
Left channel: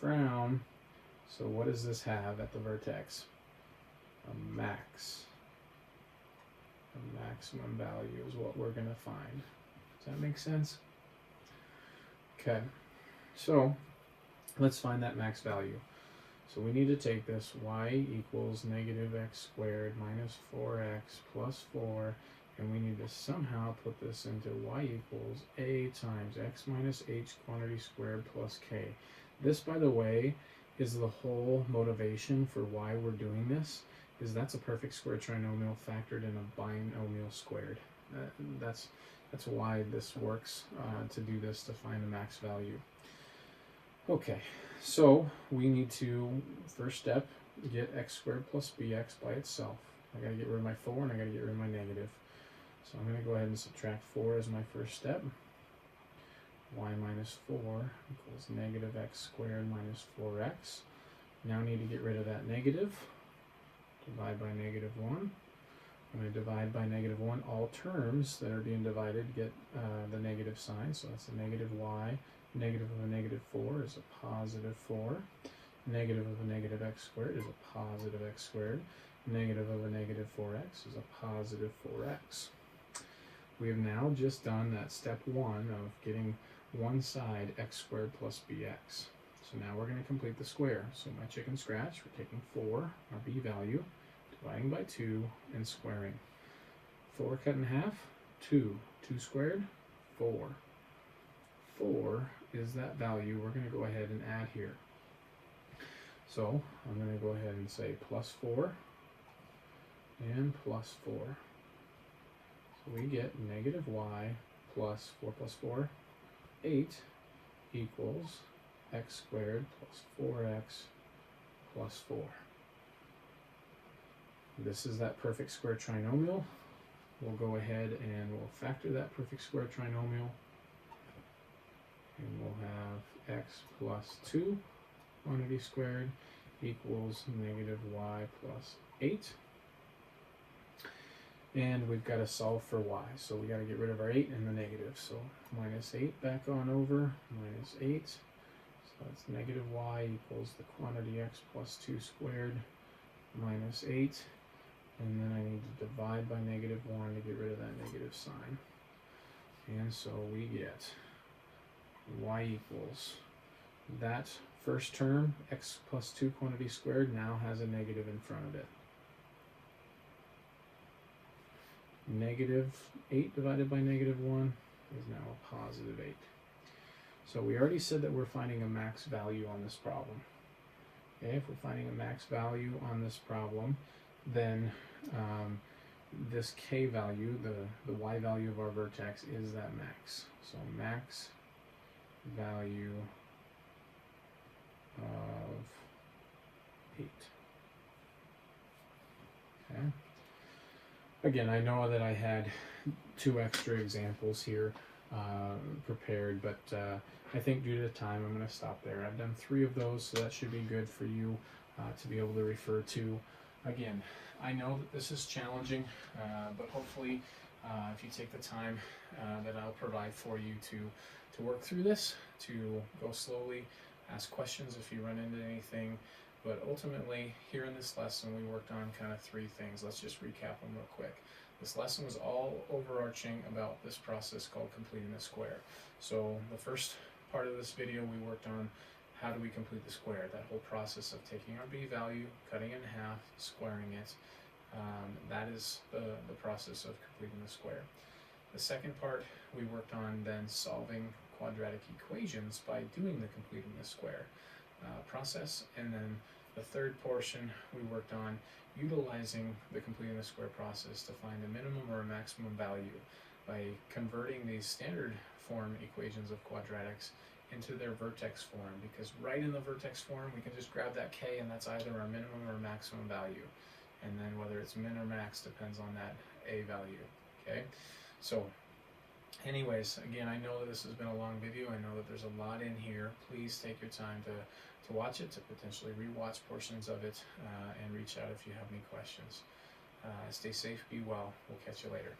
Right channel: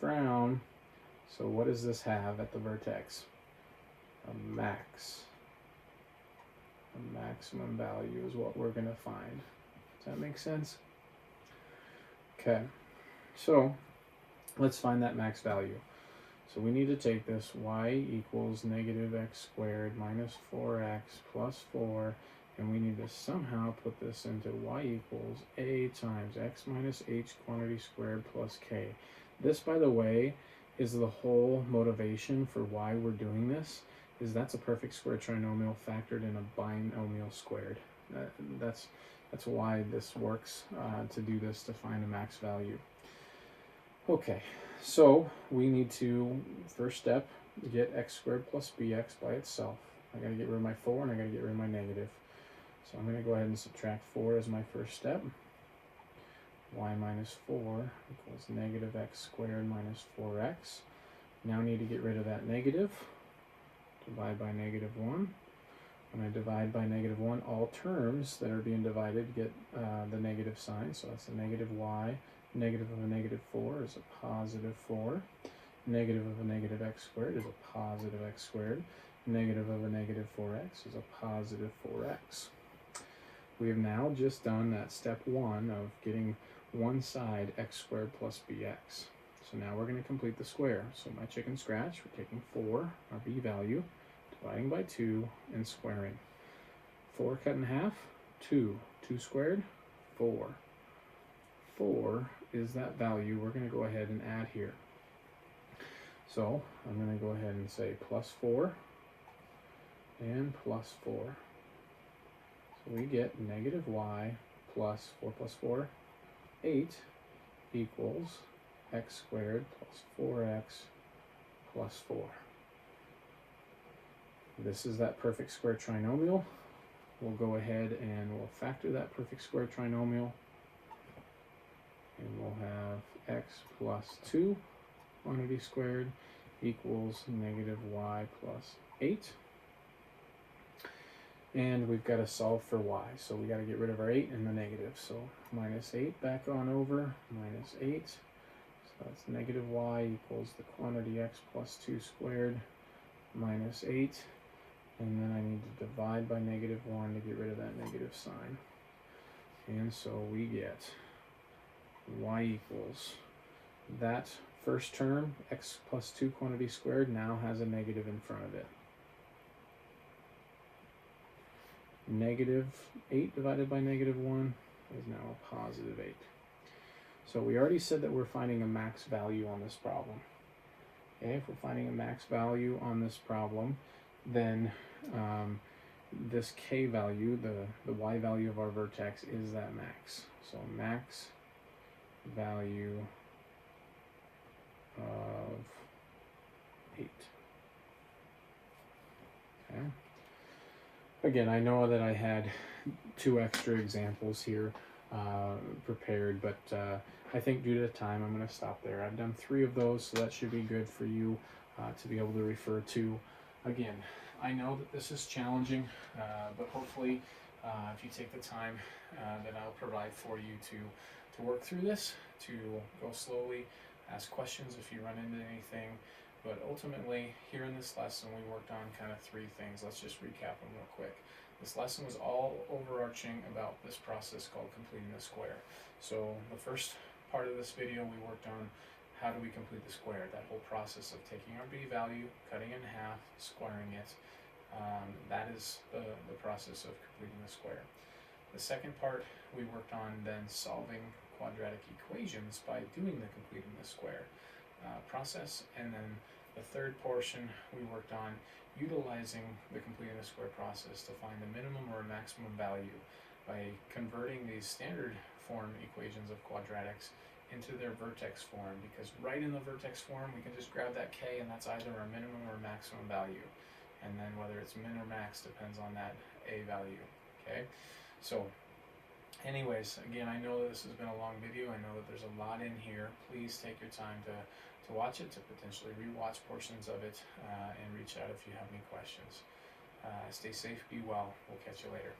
frown. So what does this have at the vertex? A max. A maximum value is what we're going to find. Does that make sense? Okay, so let's find that max value. So we need to take this y equals negative x squared minus 4x plus 4, and we need to somehow put this into y equals a times x minus h quantity squared plus k. This, by the way, is the whole motivation for why we're doing this, is that's a perfect square trinomial factored in a binomial squared. That's why this works, to do this to find a max value. Okay, so we need to, first step, get x squared plus bx by itself. I'm going to get rid of my 4 and I'm going to get rid of my negative. So I'm going to go ahead and subtract 4 as my first step. Y minus 4 equals negative x squared minus 4x. Now I need to get rid of that negative. Divide by negative 1. When I divide by negative 1, all terms that are being divided get the negative sign. So that's a negative y. Negative of a negative 4 is a positive 4. Negative of a negative x squared is a positive x squared. Negative of a negative 4x is a positive 4x. We have now just done that step 1 of getting one side x squared plus bx. So now we're going to complete the square. So my chicken scratch, we're taking 4, our b value, dividing by 2, and squaring. 4 cut in half, 2. 2 squared, 4. 4 is that value we're going to go ahead and add here. So I'm going to go ahead and say plus 4 and plus 4. So we get negative y plus 4 plus 4, 8 equals x squared plus 4x plus 4. This is that perfect square trinomial. We'll go ahead and we'll factor that perfect square trinomial. And we'll have x plus 2 quantity squared equals negative y plus 8. And we've got to solve for y. So we got to get rid of our 8 and the negative. So minus 8 back on over, minus 8. So that's negative y equals the quantity x plus 2 squared minus 8. And then I need to divide by negative 1 to get rid of that negative sign. And so we get y equals that first term, x plus 2 quantity squared, now has a negative in front of it. Negative 8 divided by negative 1 is now a positive 8. So we already said that we're finding a max value on this problem. Okay, if we're finding a max value on this problem, then this k value, the y value of our vertex, is that max. So max value of 8. Okay. Again, I know that I had 2 extra examples here prepared, but I think due to time, I'm going to stop there. I've done 3 of those, so that should be good for you to be able to refer to. Again, I know that this is challenging, but hopefully if you take the time that I'll provide for you to work through this, to go slowly, ask questions if you run into anything. But ultimately, here in this lesson, we worked on kind of three things. Let's just recap them real quick. This lesson was all overarching about this process called completing the square. So the first part of this video, we worked on how do we complete the square, that whole process of taking our b value, cutting it in half, squaring it. That is the process of completing the square. The second part, we worked on then solving quadratic equations by doing the completing the square process. And then the third portion, we worked on utilizing the completing the square process to find a minimum or a maximum value by converting these standard form equations of quadratics into their vertex form, because right in the vertex form we can just grab that k and that's either a minimum or a maximum value, and then whether it's min or max depends on that a value. Okay, so anyways, again, I know that this has been a long video. I know that there's a lot in here. Please take your time to watch it, to potentially rewatch portions of it, and reach out if you have any questions. Stay safe, be well. We'll catch you later.